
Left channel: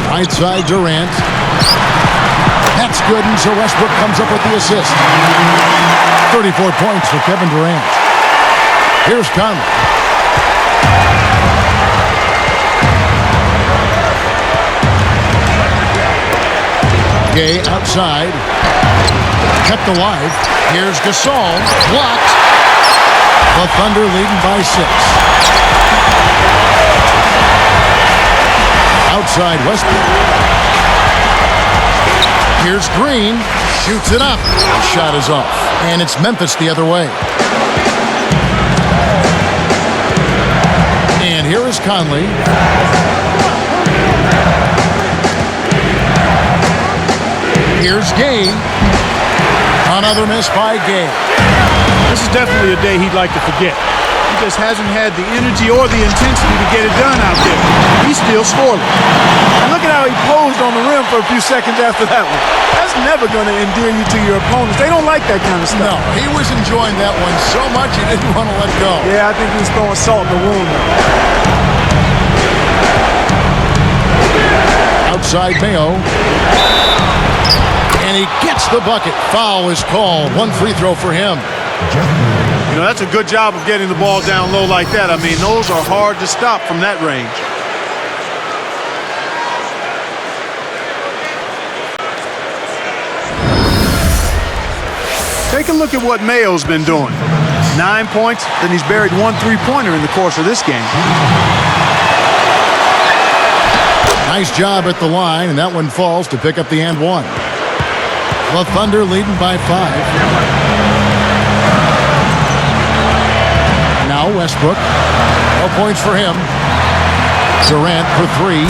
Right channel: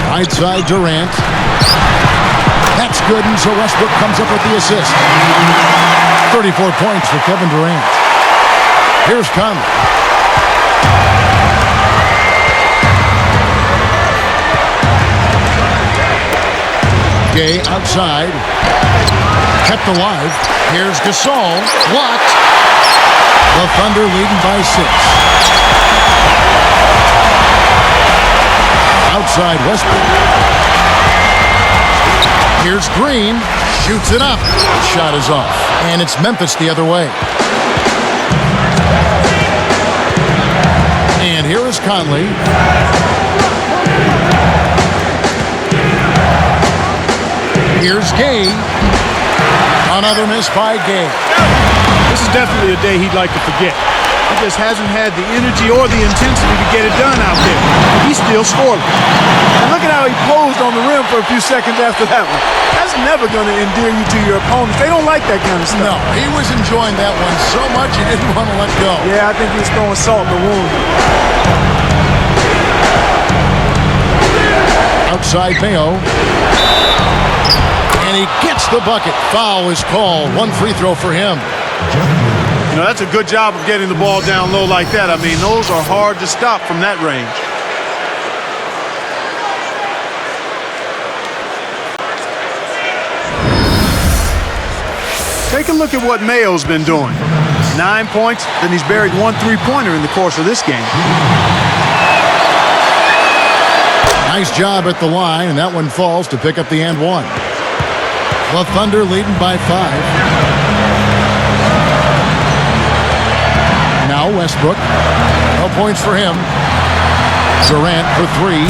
Right side, Durant. That's good, and so Westbrook comes up with the assist. 34 points for Kevin Durant. Here's Conley. Gay outside. Kept alive. Here's Gasol. Blocked. The Thunder leading by 6. Outside Westbrook. Here's Green. Shoots it up. The shot is off. And it's Memphis the other way. And here is Conley. Here's Gay. Another miss by Gay. This is definitely a day he'd like to forget. He just hasn't had the energy or the intensity to get it done out there. He's still scoreless. And look at how he posed on the rim for a few seconds after that one. That's never going to endear you to your opponents. They don't like that kind of stuff. No, he was enjoying that one so much he didn't want to let go. Yeah, I think he was throwing salt in the wound. Outside Mayo. And he gets the bucket. Foul is called. 1 free throw for him. You know, that's a good job of getting the ball down low like that. I mean, those are hard to stop from that range. Take a look at what Mayo's been doing. 9 points, then he's buried 1 3-pointer in the course of this game. Nice job at the line, and that one falls to pick up the and 1. The Thunder leading by 5. Now Westbrook. No points for him. Durant for 3.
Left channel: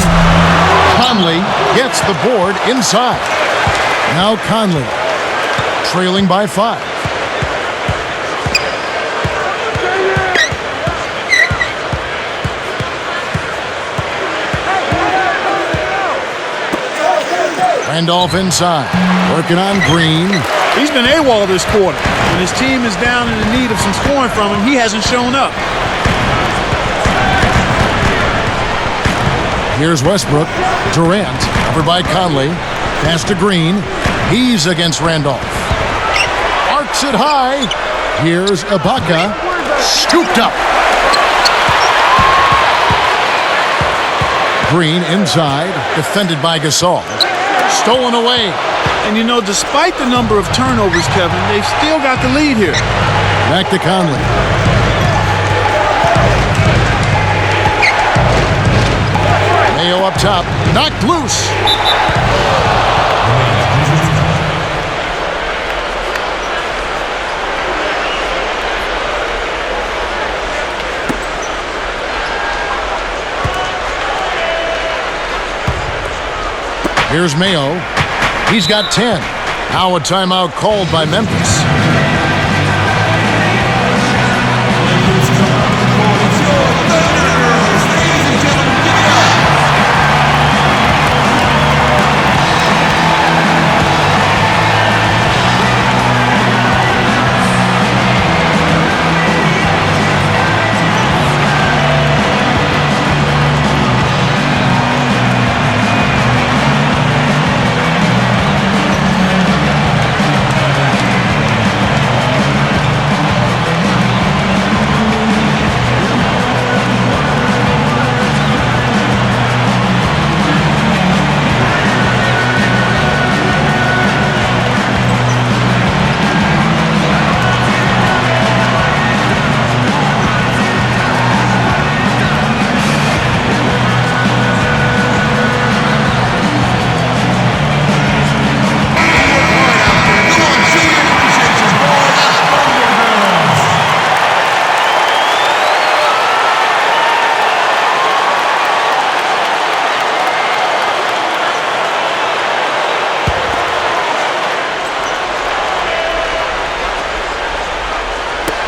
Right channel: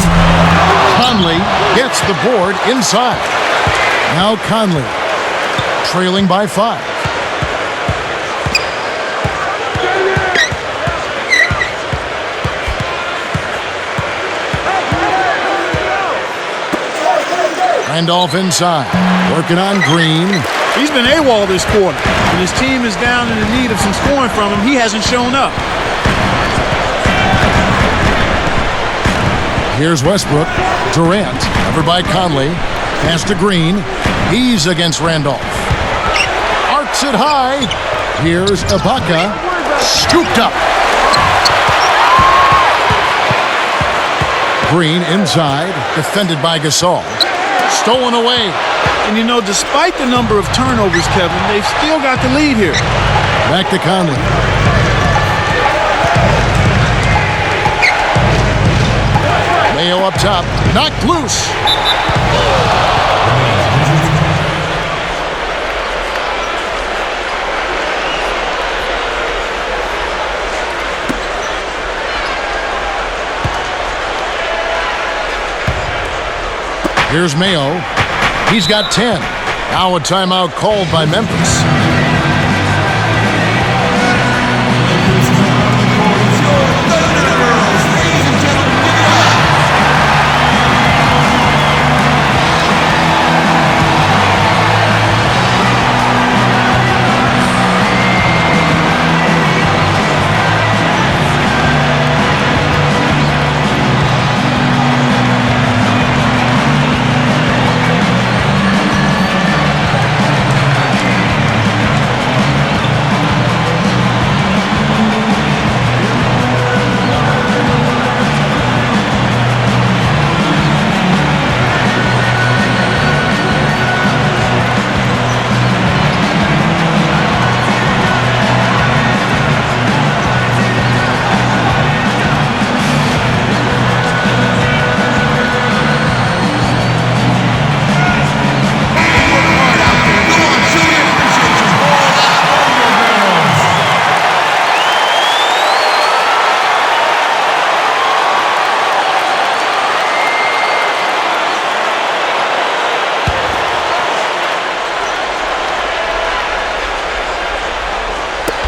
Conley gets the board inside. Now Conley. Trailing by 5. Randolph inside. Working on Green. He's been AWOL this quarter. When his team is down and in need of some scoring from him, he hasn't shown up. Here's Westbrook. Durant, covered by Conley. Pass to Green. He's against Randolph. Arcs it high. Here's Ibaka. Scooped up. Green inside. Defended by Gasol. Stolen away. And you know, despite the number of turnovers, Kevin, they've still got the lead here. Back to Conley. Mayo up top. Knocked loose. Here's Mayo. He's got 10. Now a timeout called by Memphis.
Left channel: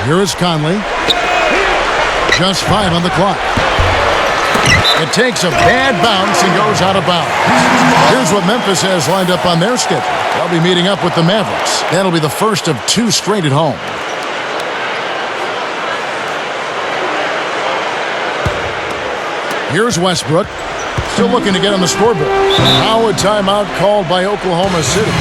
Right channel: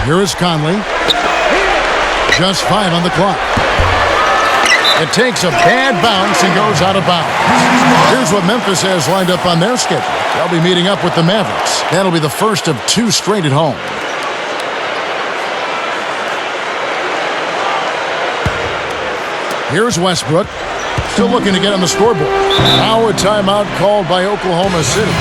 Here is Conley. Just 5 on the clock. It takes a bad bounce and goes out of bounds. Here's what Memphis has lined up on their schedule. They'll be meeting up with the Mavericks. That'll be the first of 2 straight at home. Here's Westbrook. Still looking to get on the scoreboard. Now a timeout called by Oklahoma City.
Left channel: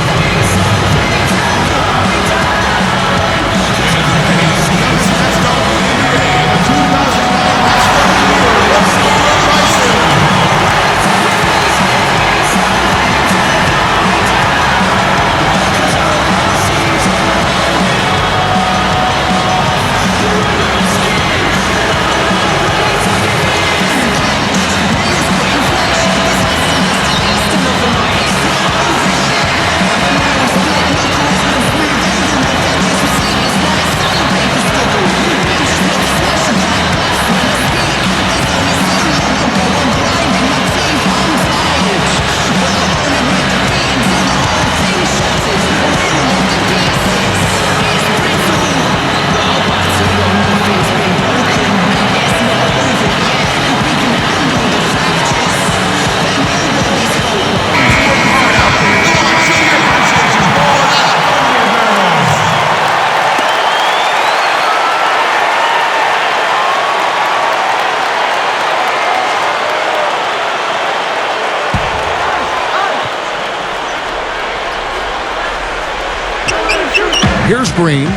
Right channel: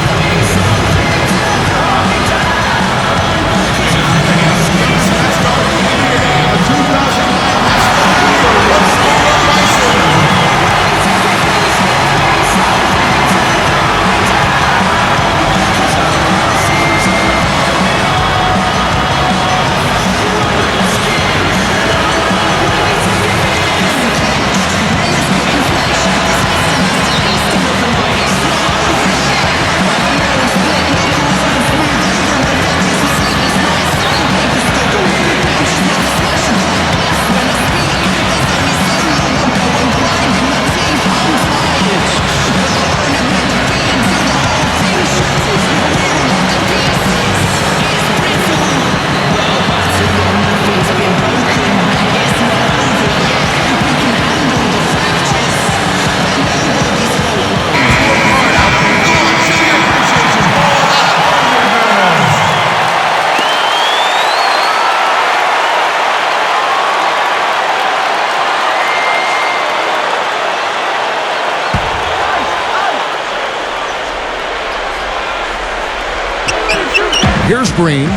Here's Green,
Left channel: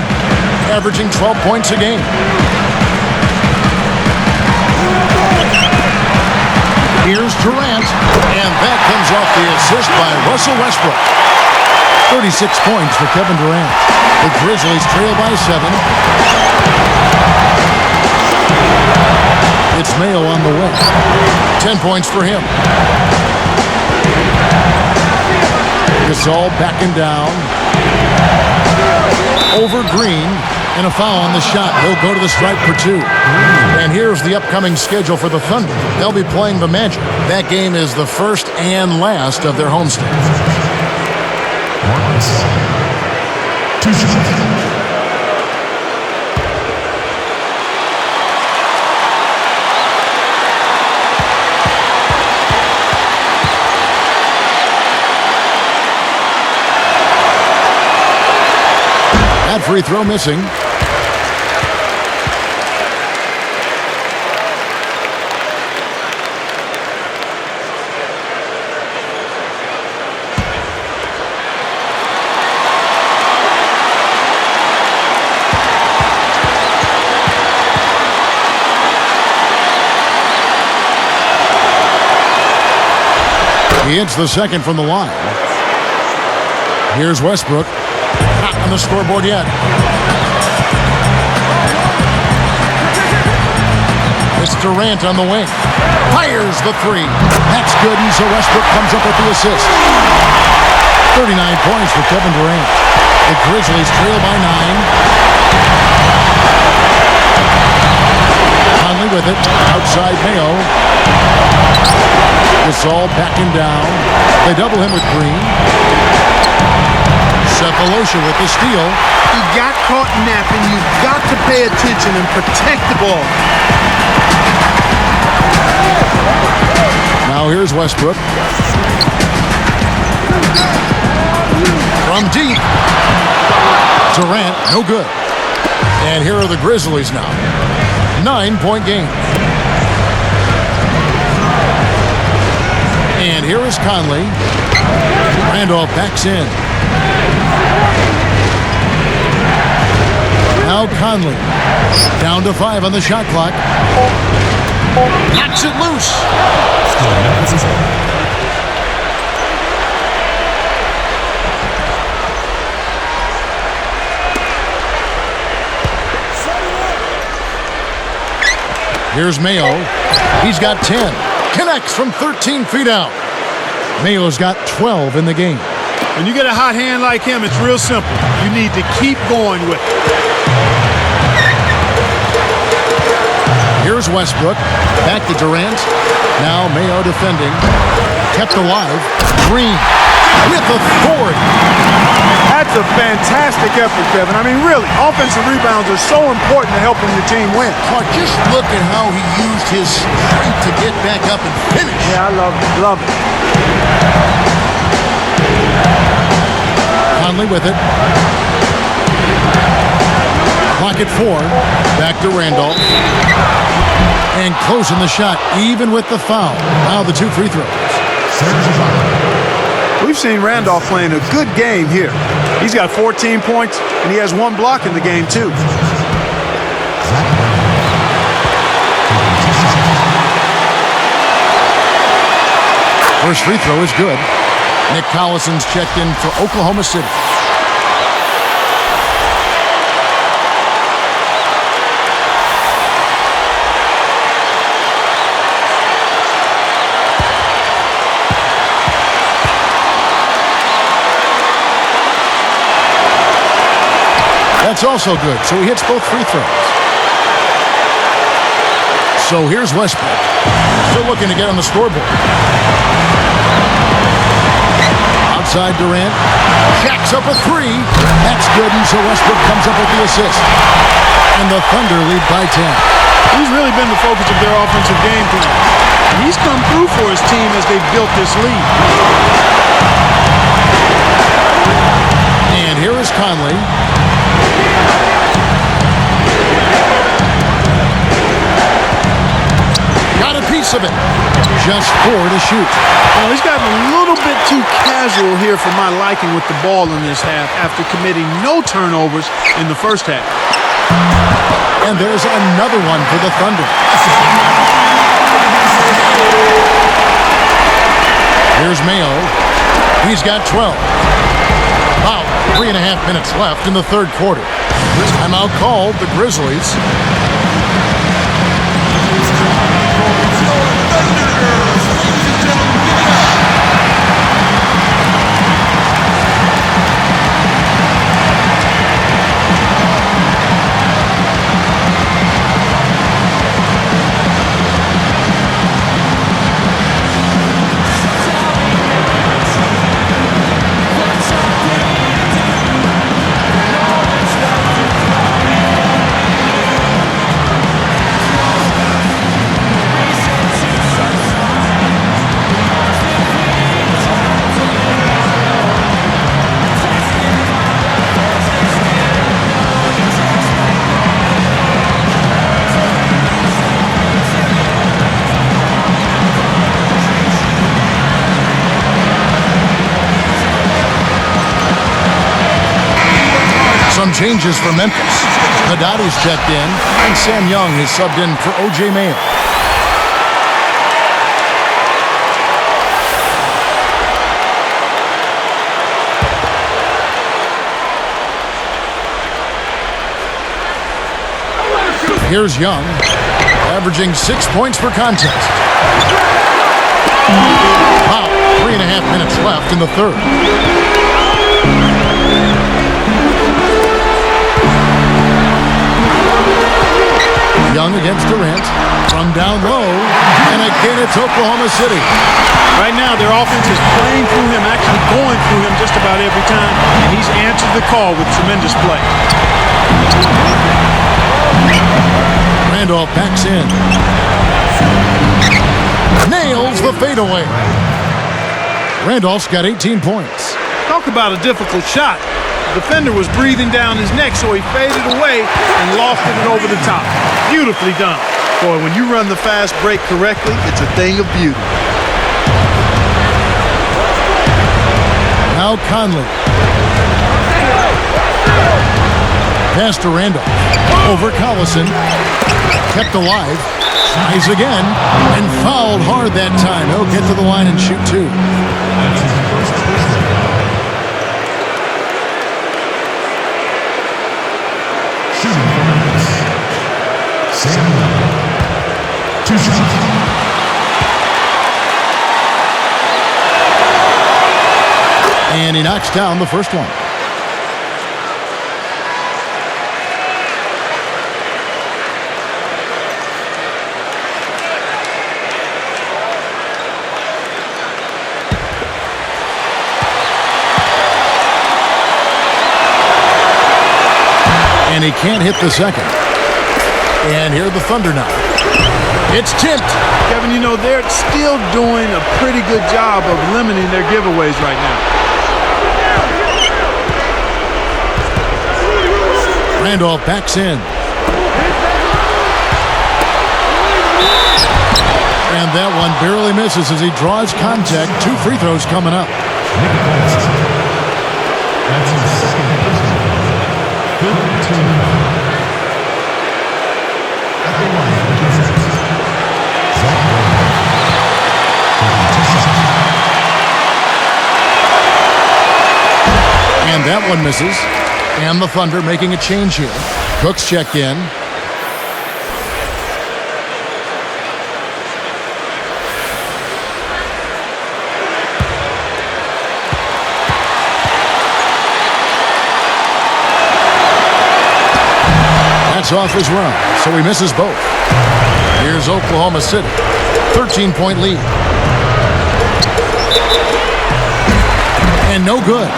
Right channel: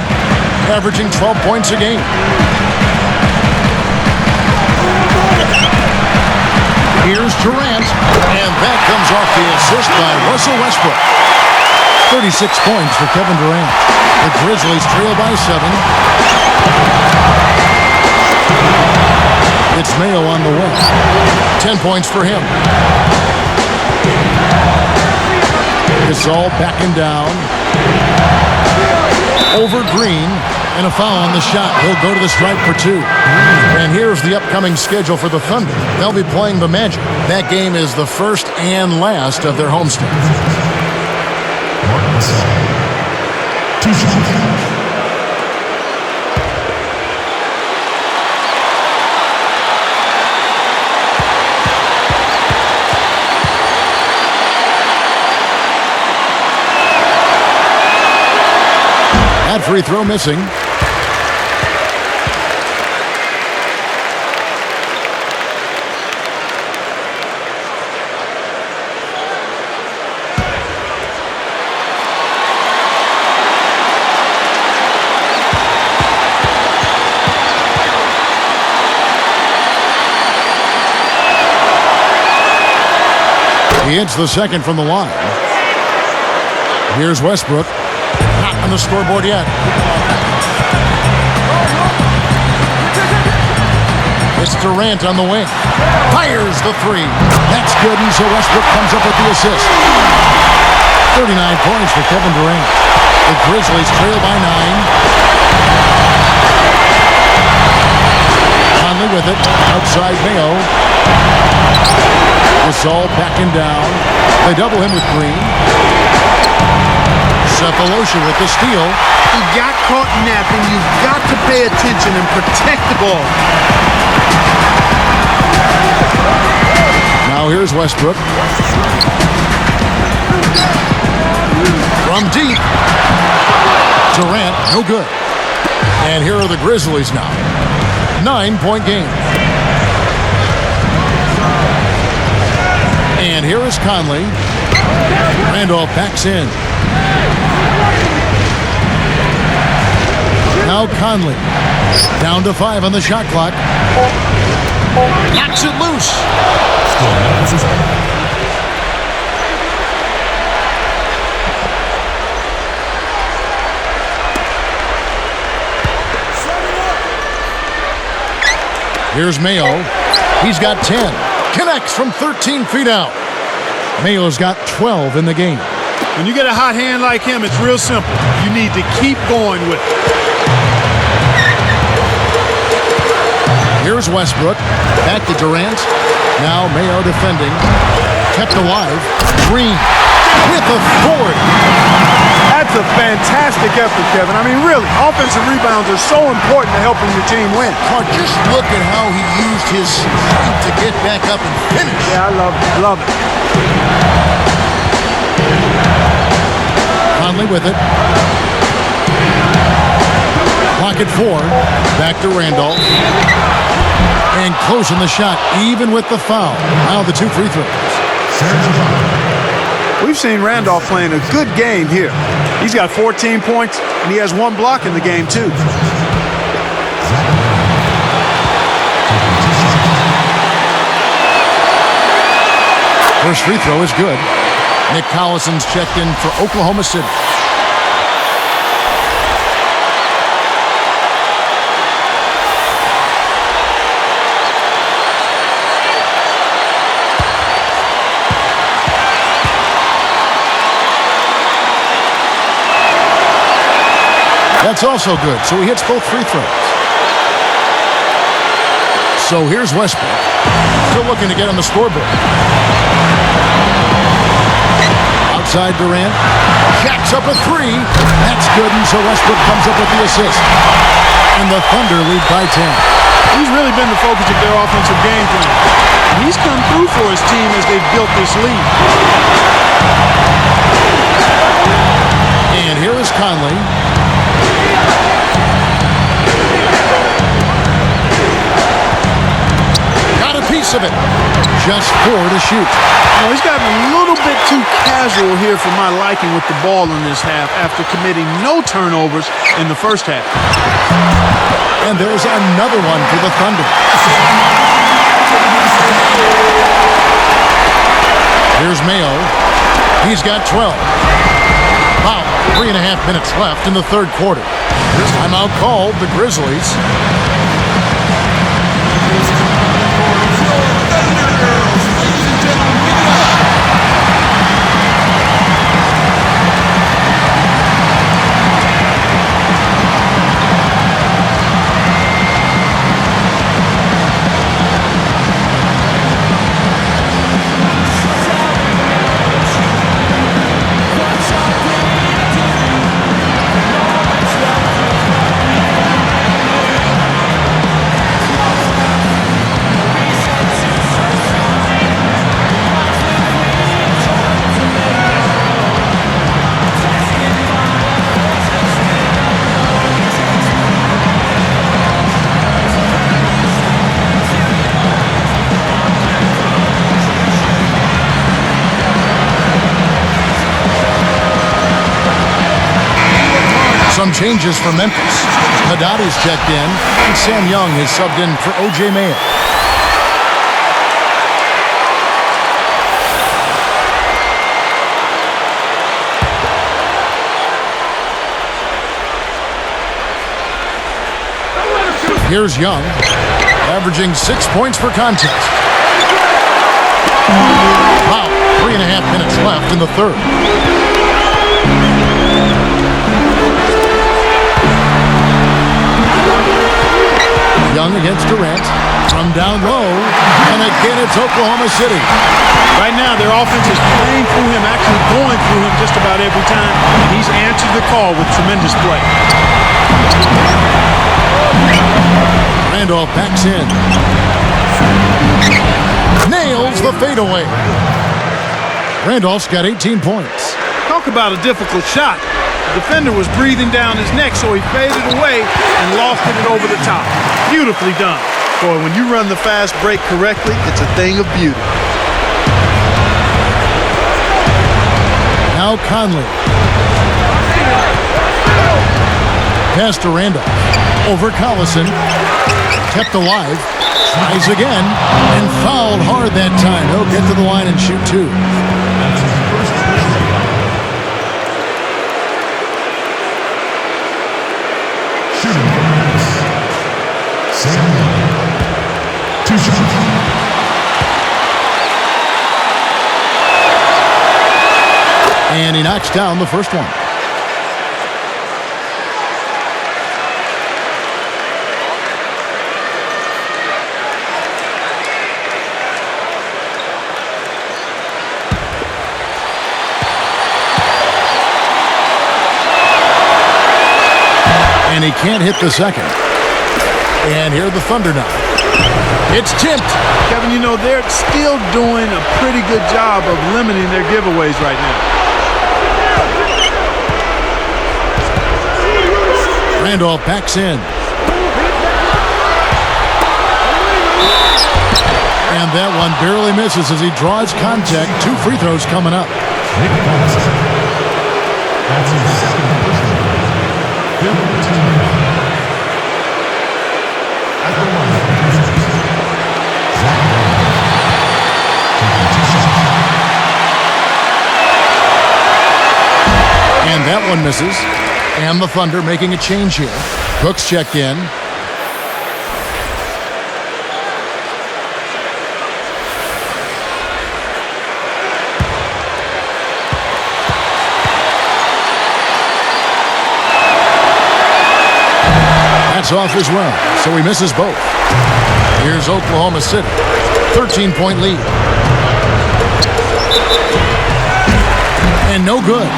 averaging 12 points a game. Here's Durant, and that comes off the assist by Russell Westbrook. 36 points for Kevin Durant. The Grizzlies trail by 7. It's Mayo on the wing. 10 points for him. Gasol backing down. Over Green, and a foul on the shot. He'll go to the stripe for 2. And here's the upcoming schedule for the Thunder. They'll be playing the Magic. That game is the first and last of their homestand. That free throw missing. He hits the second from the line. Here's Westbrook. Not on the scoreboard yet. It's Durant on the wing. Fires the 3. That's good, and so Westbrook comes up with the assist. 39 points for Kevin Durant. The Grizzlies trail by 9. Conley with it. Outside Mayo. Gasol backing down. They double him with Green. Cephalosha with the steal. He got caught napping. You've got to pay attention and protect the ball. Now here's Westbrook. From deep. Durant, no good. And here are the Grizzlies now. 9-point game. And here is Conley. Randolph backs in. Now Conley. Down to 5 on the shot clock. Knocks it loose. Still Memphis is on. Here's Mayo. He's got 10. Connects from 13 feet out. Mayo's got 12 in the game. When you get a hot hand like him, it's real simple. You need to keep going with it. Here's Westbrook. Back to Durant. Now Mayo defending. Kept alive. Green with authority. That's a fantastic effort, Kevin. I mean, really, offensive rebounds are so important to helping your team win. Clark, just look at how he used his strength to get back up and finish. Yeah, I love it. Love it. Conley with it. Clock at 4. Back to Randolph. And closing the shot, even with the foul. Now the 2 free throws. We've seen Randolph playing a good game here. He's got 14 points, and he has 1 block in the game, too. First free throw is good. Nick Collison's checked in for Oklahoma City. That's also good, so he hits both free throws. So here's Westbrook. Still looking to get on the scoreboard. Outside Durant. Jacks up a 3. That's good, and so Westbrook comes up with the assist. And the Thunder lead by 10. He's really been the focus of their offensive game plan. And he's come through for his team as they've built this lead. And here is Conley. Got a piece of it. Just 4 to shoot. You know, he's gotten a little bit too casual here for my liking with the ball in this half after committing no turnovers in the first half. And there's another one for the Thunder. Here's Mayo. He's got 12. About 3.5 minutes left in the third quarter. Timeout called, the Grizzlies. Some changes for Memphis. Hadadi's checked in, and Sam Young has subbed in for O.J. Mayo. Here's Young, averaging 6 points per contest. About 3.5 minutes left in the third. Young against Durant, from down low, and again it's Oklahoma City. Right now, their offense is playing through him, actually going through him just about every time, and he's answered the call with tremendous play. Randolph backs in. Nails the fadeaway. Randolph's got 18 points. Talk about a difficult shot. The defender was breathing down his neck, so he faded away and lofted it over the top. Beautifully done. Boy, when you run the fast break correctly, it's a thing of beauty. Now Conley. Pass to Randolph. Over Collison. Kept alive. Tries again. And fouled hard that time. He'll get to the line and shoot two. That's his first personal. Shooting Memphis. Sam Young. 2 shots. And he knocks down the first one. And he can't hit the second. And here are the Thunder now. It's tipped. Kevin, you know, they're still doing a pretty good job of limiting their giveaways right now. Randolph backs in. And that one barely misses as he draws contact. 2 free throws coming up. That's his second personal. 15 foul. At the line for Grizzlies. Zach Randolph. And that one misses. And the Thunder making a change here. Cook's checked in. That's off as well, so he misses both. Here's Oklahoma City. 13-point lead. And no good.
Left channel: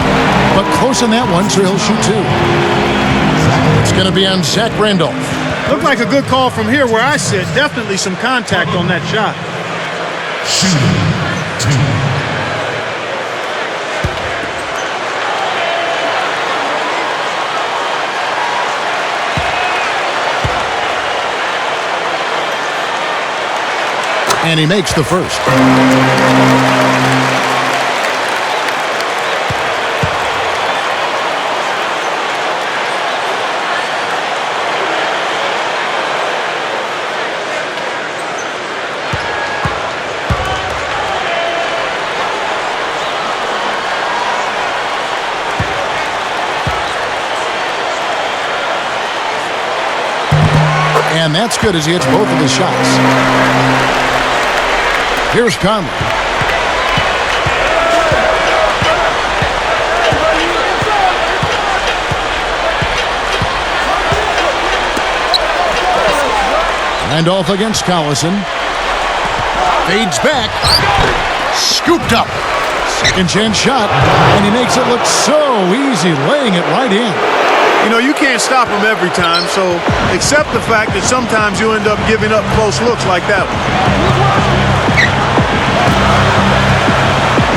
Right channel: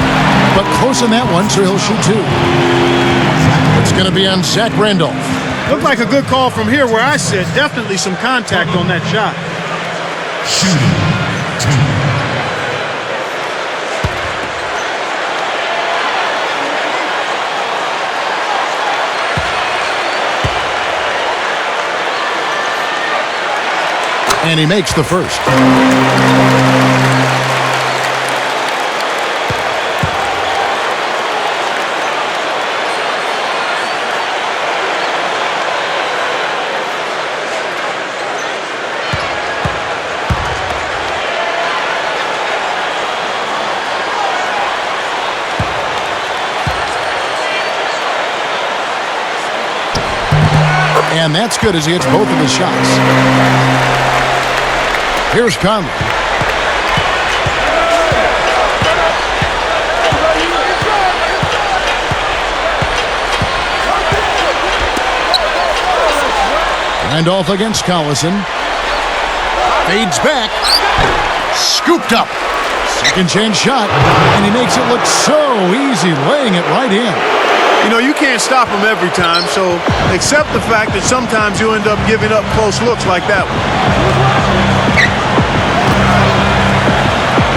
But close on that one, so he'll shoot 2. It's going to be on Zach Randolph. Looked like a good call from here where I sit. Definitely some contact on that shot. Shooting 2. And he makes the first. And that's good as he hits both of his shots. Here's Conley. Randolph against Collison. Fades back. Scooped up. Second chance shot. And he makes it look so easy, laying it right in. You know, you can't stop him every time, so accept the fact that sometimes you end up giving up close looks like that one.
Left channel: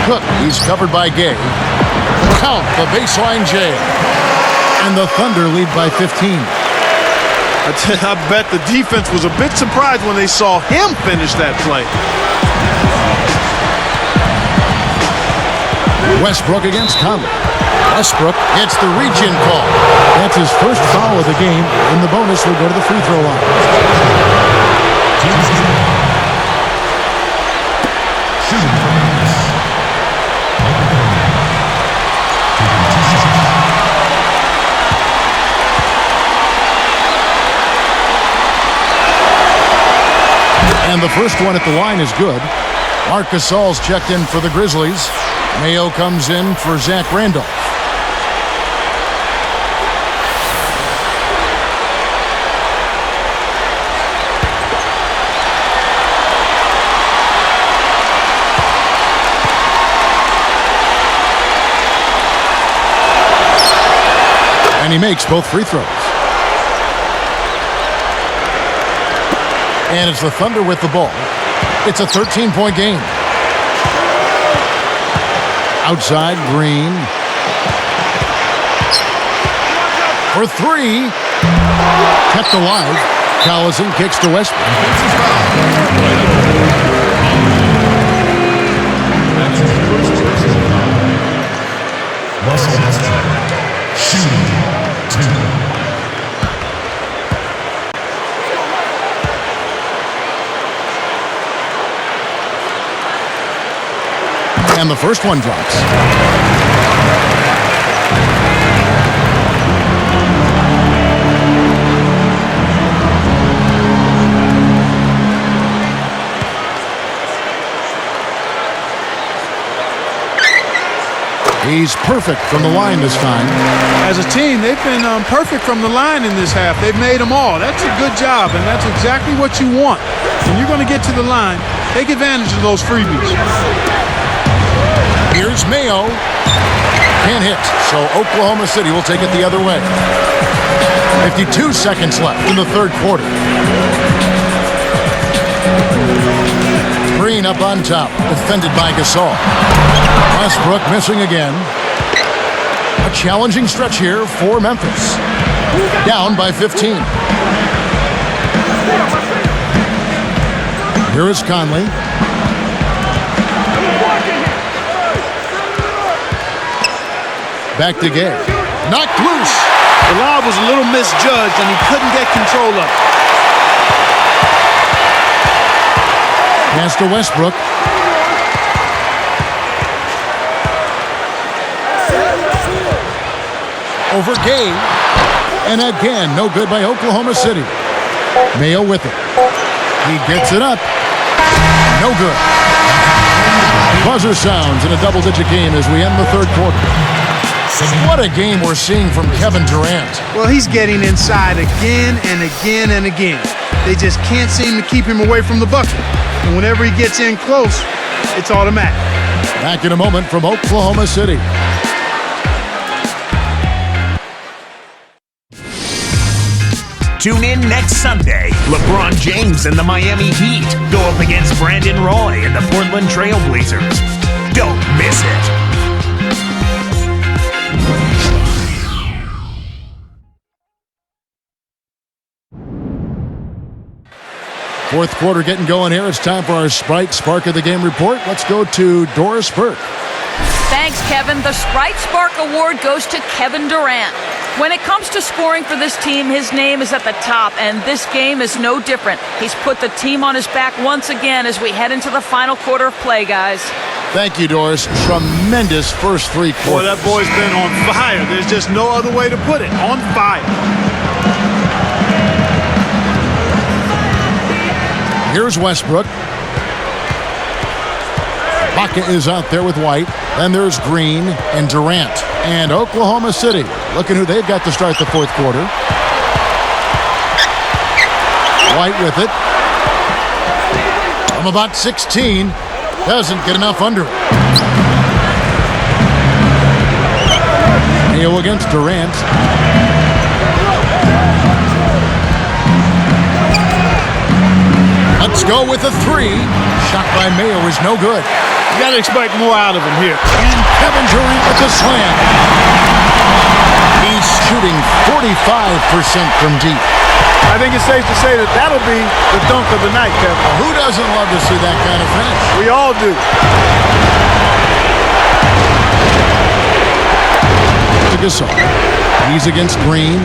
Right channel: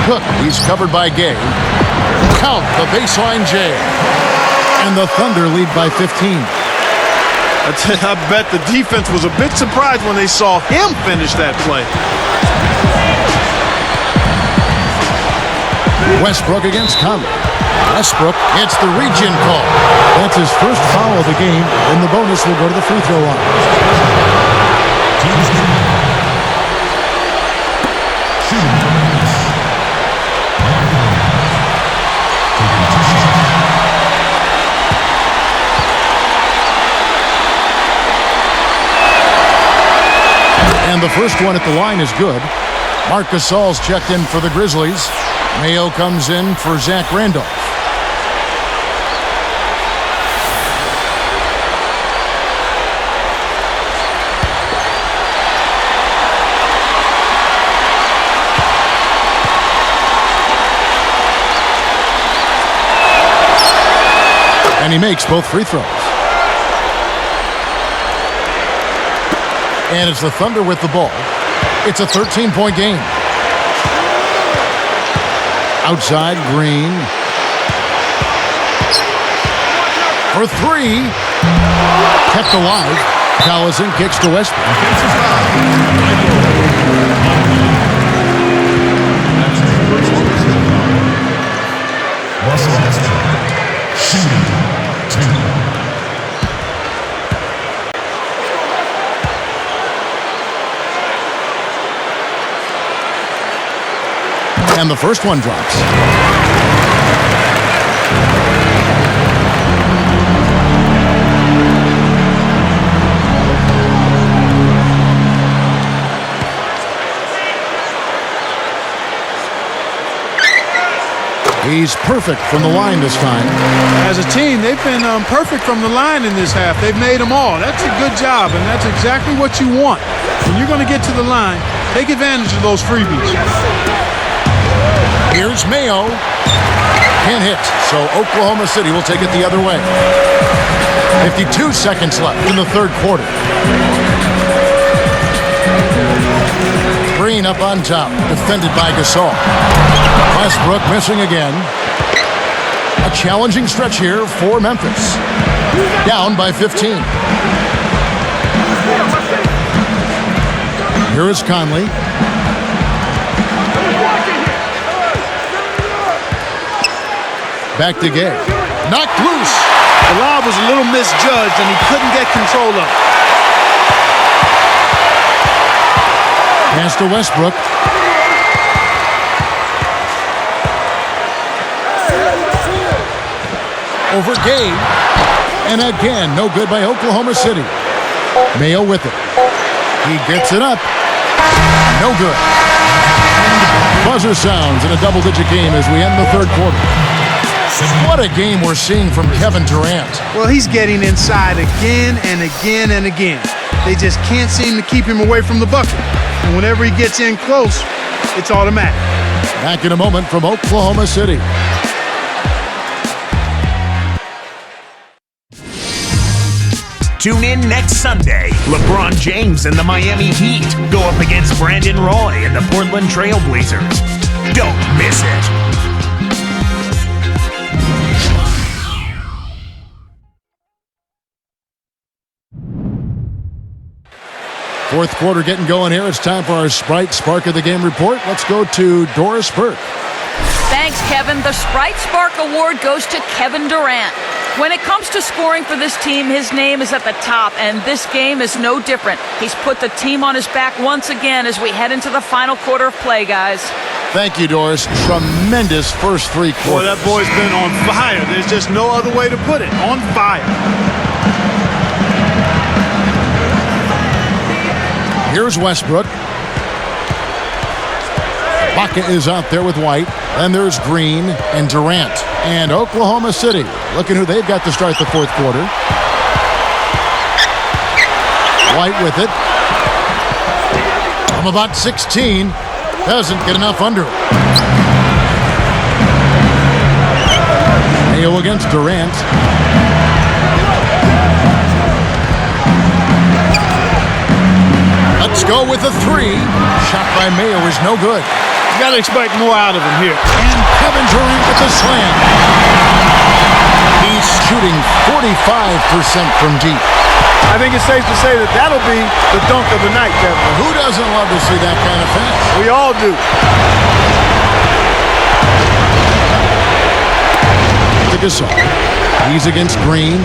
Cook, he's covered by Gay. Count the baseline J. And the Thunder lead by 15. I bet the defense was a bit surprised when they saw him finish that play. Westbrook against Conley. Westbrook, it's the region call. That's his first foul of the game, and the bonus will go to the free throw line. And the first one at the line is good. Marc Gasol's checked in for the Grizzlies. Mayo comes in for Zach Randolph. And he makes both free throws. And it's the Thunder with the ball. It's a 13-point game. Outside, Green. For three. Kept alive. Collison kicks to Westbrook. And the first one drops. He's perfect from the line this time. As a team, they've been perfect from the line in this half. They've made them all. That's a good job, and that's exactly what you want. When you're going to get to the line, take advantage of those freebies. Here's Mayo. Can't hit, so Oklahoma City will take it the other way. 52 seconds left in the third quarter. Green up on top, defended by Gasol. Westbrook missing again. A challenging stretch here for Memphis. Down by 15. Here is Conley. Back to Gay. Knocked loose. The lob was a little misjudged, and he couldn't get control of it. Pass to Westbrook. Over Gay. And again, no good by Oklahoma City. Mayo with it. He gets it up. No good. Buzzer sounds in a double-digit game as we end the third quarter. What a game we're seeing from Kevin Durant. Well, he's getting inside again and again and again. They just can't seem to keep him away from the bucket. And whenever he gets in close, it's automatic. Back in a moment from Oklahoma City. Tune in next Sunday. LeBron James and the Miami Heat go up against Brandon Roy and the Portland Trailblazers. Don't miss it. Fourth quarter getting going here. It's time for our Sprite Spark of the Game report. Let's go to Doris Burke. Thanks, Kevin. The Sprite Spark Award goes to Kevin Durant. When it comes to scoring for this team, his name is at the top, and this game is no different. He's put the team on his back once again as we head into the final quarter of play, guys. Thank you, Doris. Tremendous first three quarters. Boy, that boy's been on fire. There's just no other way to put it. On fire. Here's Westbrook. Baca is out there with White. Then there's Green and Durant. And Oklahoma City. Looking who they've got to start the fourth quarter. White with it. From about 16. Doesn't get enough under it. Mayo against Durant. Let's go with a three. Shot by Mayo is no good. You got to expect more out of him here. And Kevin Durant with the slam. He's shooting 45% from deep. I think it's safe to say that that'll be the dunk of the night, Kevin. Well, who doesn't love to see that kind of finish? We all do. To Gasol. He's against Green.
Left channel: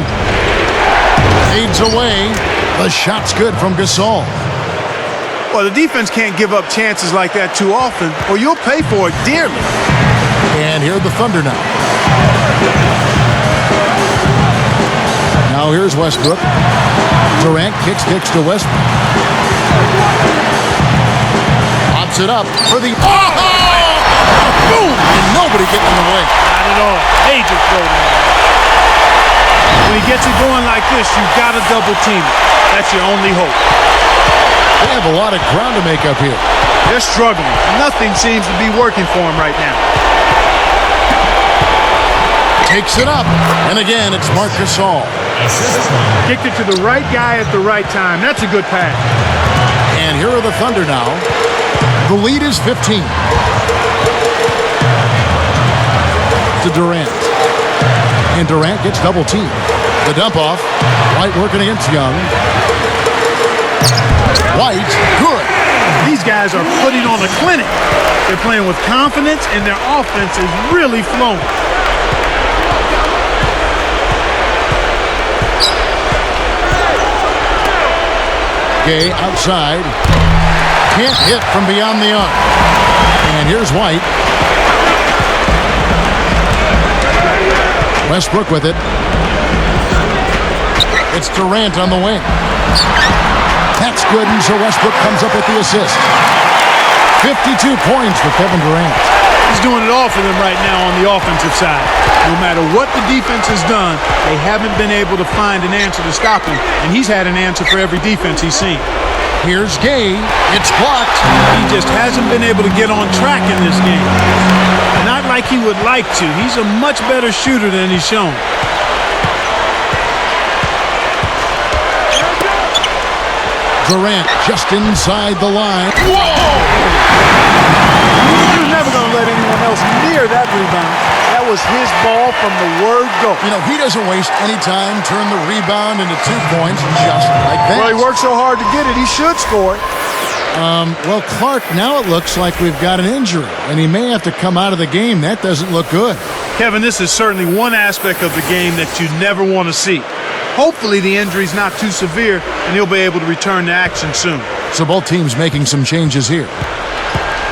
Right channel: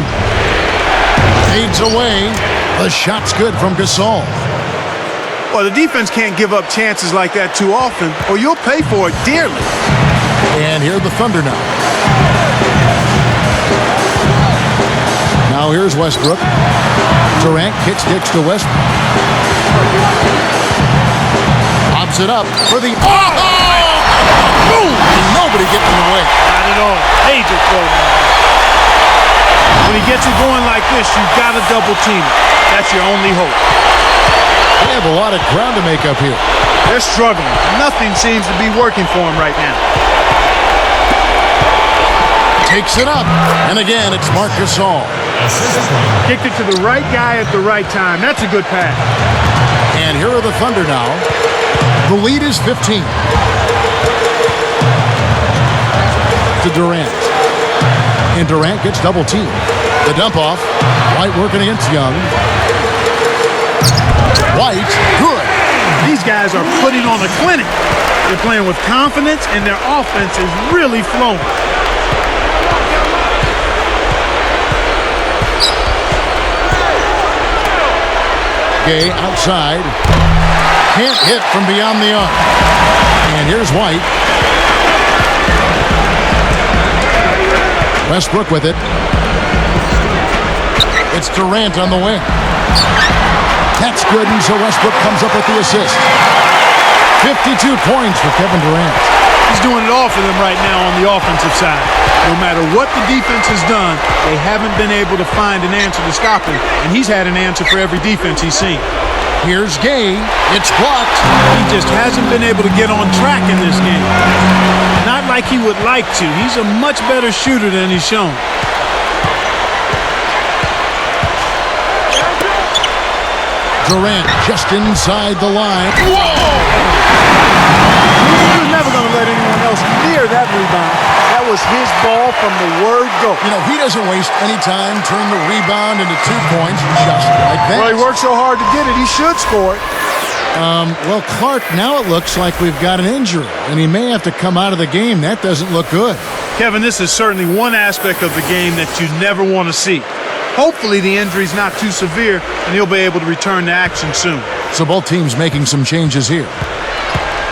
Fades away. The shot's good from Gasol. Well, the defense can't give up chances like that too often, or you'll pay for it dearly. And here are the Thunder now. Now here's Westbrook. Durant kicks to Westbrook. Lobs it up for the... Oh! Boom! And nobody getting in the way. Not at all. Major throwdown there. When he gets it going like this, you've got to double team it. That's your only hope. They have a lot of ground to make up here. They're struggling. Nothing seems to be working for them right now. Takes it up. And again, it's Marc Gasol. Kicked it to the right guy at the right time. That's a good pass. And here are the Thunder now. The lead is 15. To Durant. And Durant gets double teamed. The dump off. White working against Young. White, good. These guys are putting on a clinic. They're playing with confidence, and their offense is really flowing. Gay outside. Can't hit from beyond the arc. And here's White. Westbrook with it. It's Durant on the wing. That's good, and so Westbrook comes up with the assist. 52 points for Kevin Durant. He's doing it all for them right now on the offensive side. No matter what the defense has done, they haven't been able to find an answer to stop him, and he's had an answer for every defense he's seen. Here's Gay. It's blocked. He just hasn't been able to get on track in this game. Not like he would like to. He's a much better shooter than he's shown. Durant just inside the line. Whoa! He was never going to let anyone else near that rebound. That was his ball from the word go. You know, he doesn't waste any time, turn the rebound into 2 points just like that. Well, he worked so hard to get it, he should score it. Well, Clark, now it looks like we've got an injury, and he may have to come out of the game. That doesn't look good. Kevin, this is certainly one aspect of the game that you never want to see. Hopefully the injury's not too severe, and he'll be able to return to action soon. So both teams making some changes here.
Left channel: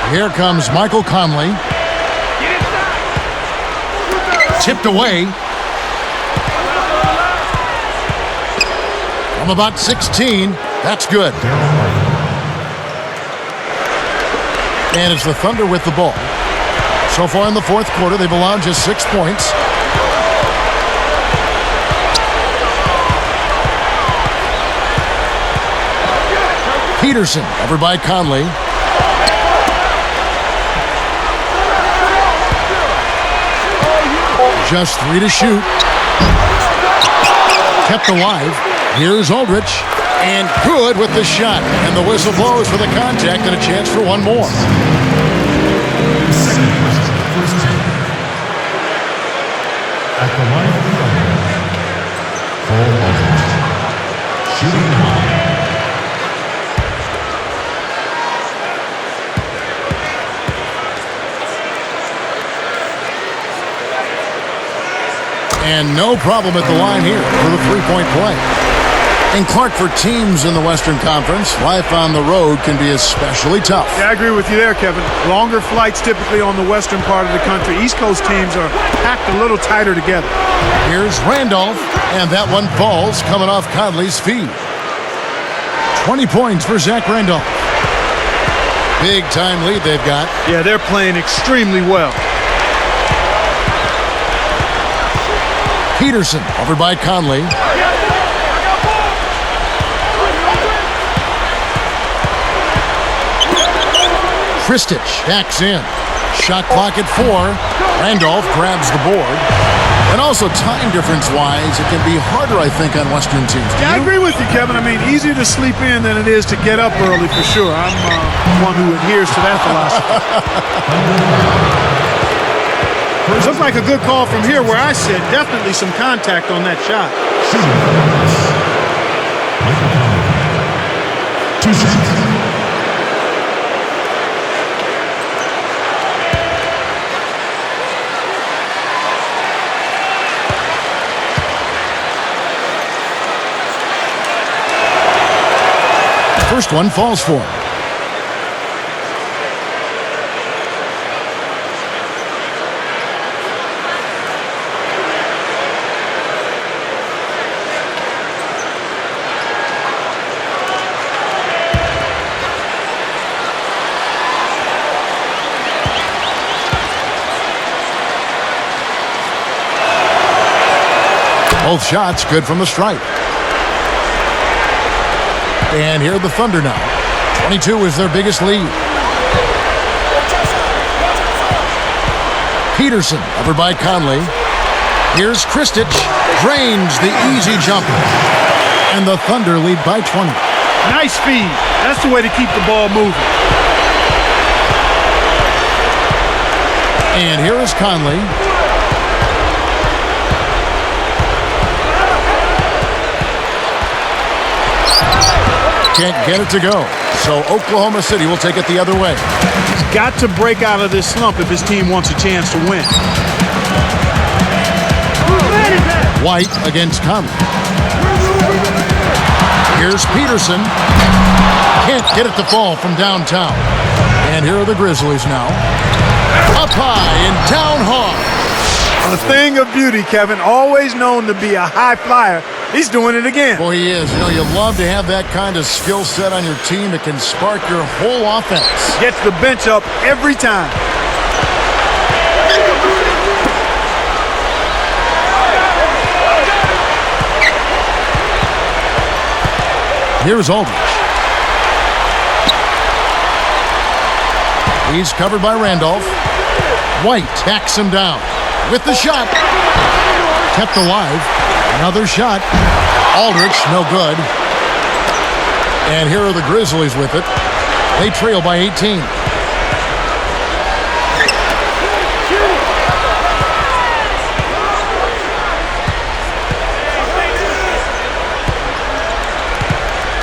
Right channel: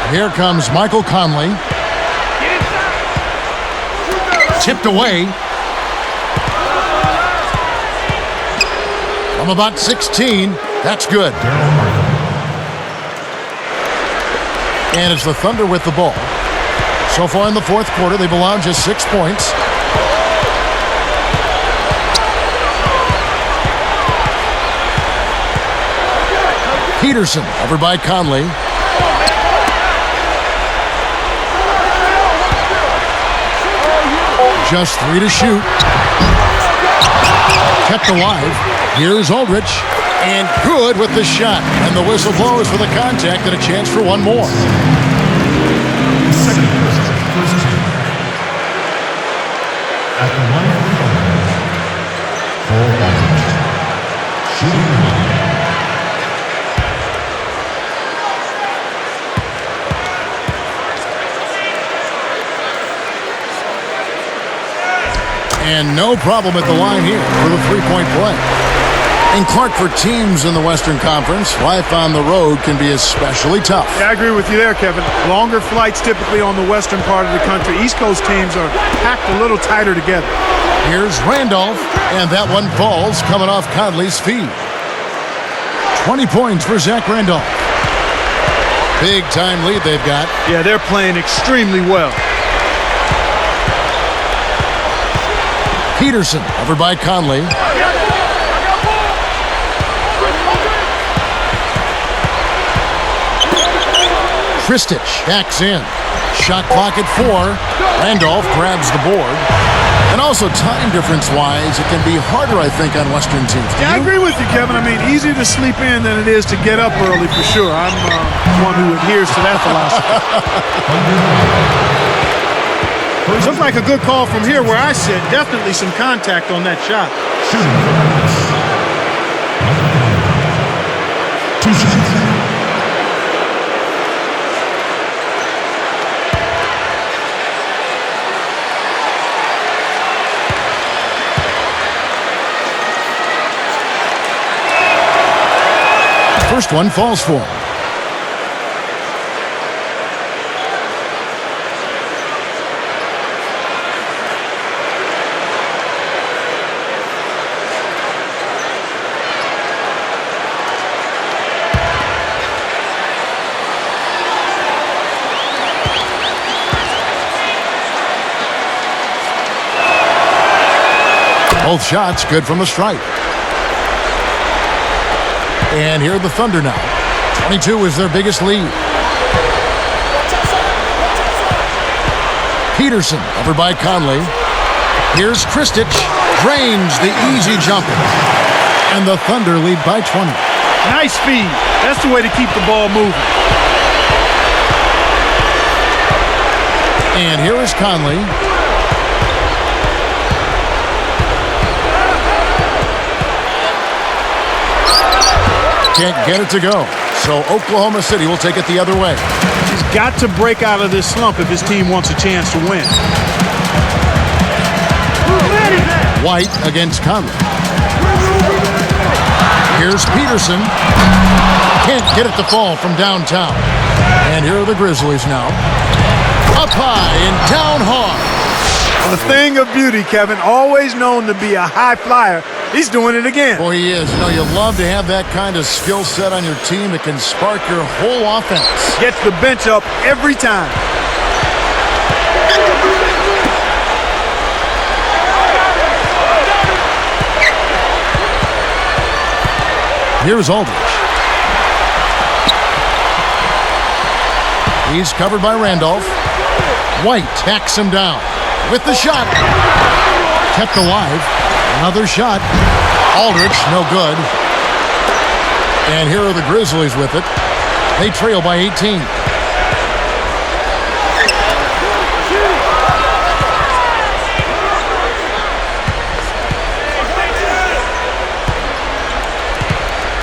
Here comes Michael Conley. Get inside. Tipped away. From about 16. That's good. And it's the Thunder with the ball. So far in the fourth quarter, they've allowed just 6 points. Peterson over by Conley. Just 3 to shoot. Kept alive. Here's Aldridge. And good with the shot. And the whistle blows for the contact and a chance for one more. Second person, first team. At the line of the Thunder, Cole Aldridge. Shooting line. And no problem at the line here for the three-point play. And Clark, for teams in the Western Conference, life on the road can be especially tough. Yeah, I agree with you there, Kevin. Longer flights typically on the western part of the country. East Coast teams are packed a little tighter together. Here's Randolph, and that one falls coming off Conley's feed. 20 points for Zach Randolph. Big-time lead they've got. Yeah, they're playing extremely well. Peterson over by Conley. Kristich backs in. Shot clock at 4. Randolph grabs the board. And also time difference-wise, it can be harder, I think, on Western teams. Yeah, I agree with you, Kevin. I mean, easier to sleep in than it is to get up early for sure. I'm one who adheres to that philosophy. Looked like a good call from here where I sit. Definitely some contact on that shot. Two shots. First one falls for him. Both shots good from the stripe. And here are the Thunder now. 22 is their biggest lead. Peterson over by Conley. Here's Kristich, drains the easy jumper. And the Thunder lead by 20. Nice feed. That's the way to keep the ball moving. And here is Conley. Can't get it to go. So Oklahoma City will take it the other way. He's got to break out of this slump if his team wants a chance to win. White against Conley. Here's Peterson. Can't get it to fall from downtown. And here are the Grizzlies now. Up high and down hard. A thing of beauty, Kevin. Always known to be a high flyer. He's doing it again. Boy, he is. You know, you love to have that kind of skill set on your team. It can spark your whole offense. Gets the bench up every time. Here's Aldridge. He's covered by Randolph. White backs him down with the shot. Kept alive. Another shot. Aldridge, no good. And here are the Grizzlies with it. They trail by 18.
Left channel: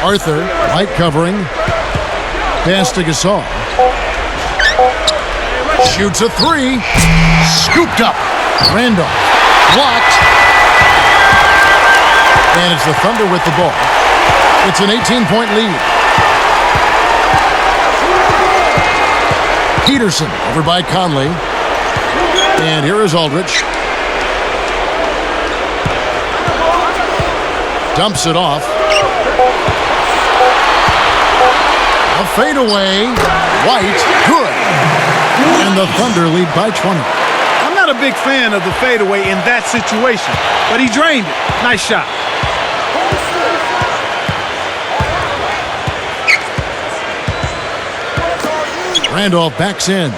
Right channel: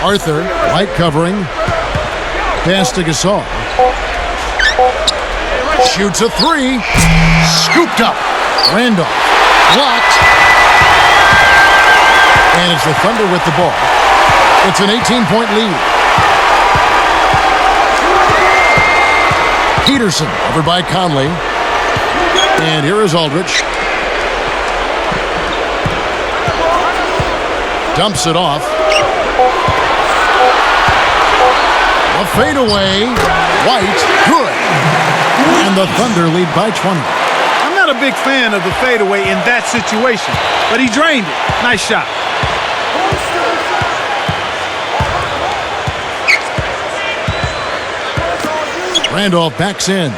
Arthur, light covering. Pass to Gasol. Shoots a three. Scooped up. Randolph. Blocked. And it's the Thunder with the ball. It's an 18-point lead. Peterson, covered by Conley. And here is Aldridge. Dumps it off. A fadeaway. White, good. And the Thunder lead by 20. I'm not a big fan of the fadeaway in that situation, but he drained it. Nice shot. Randolph backs in.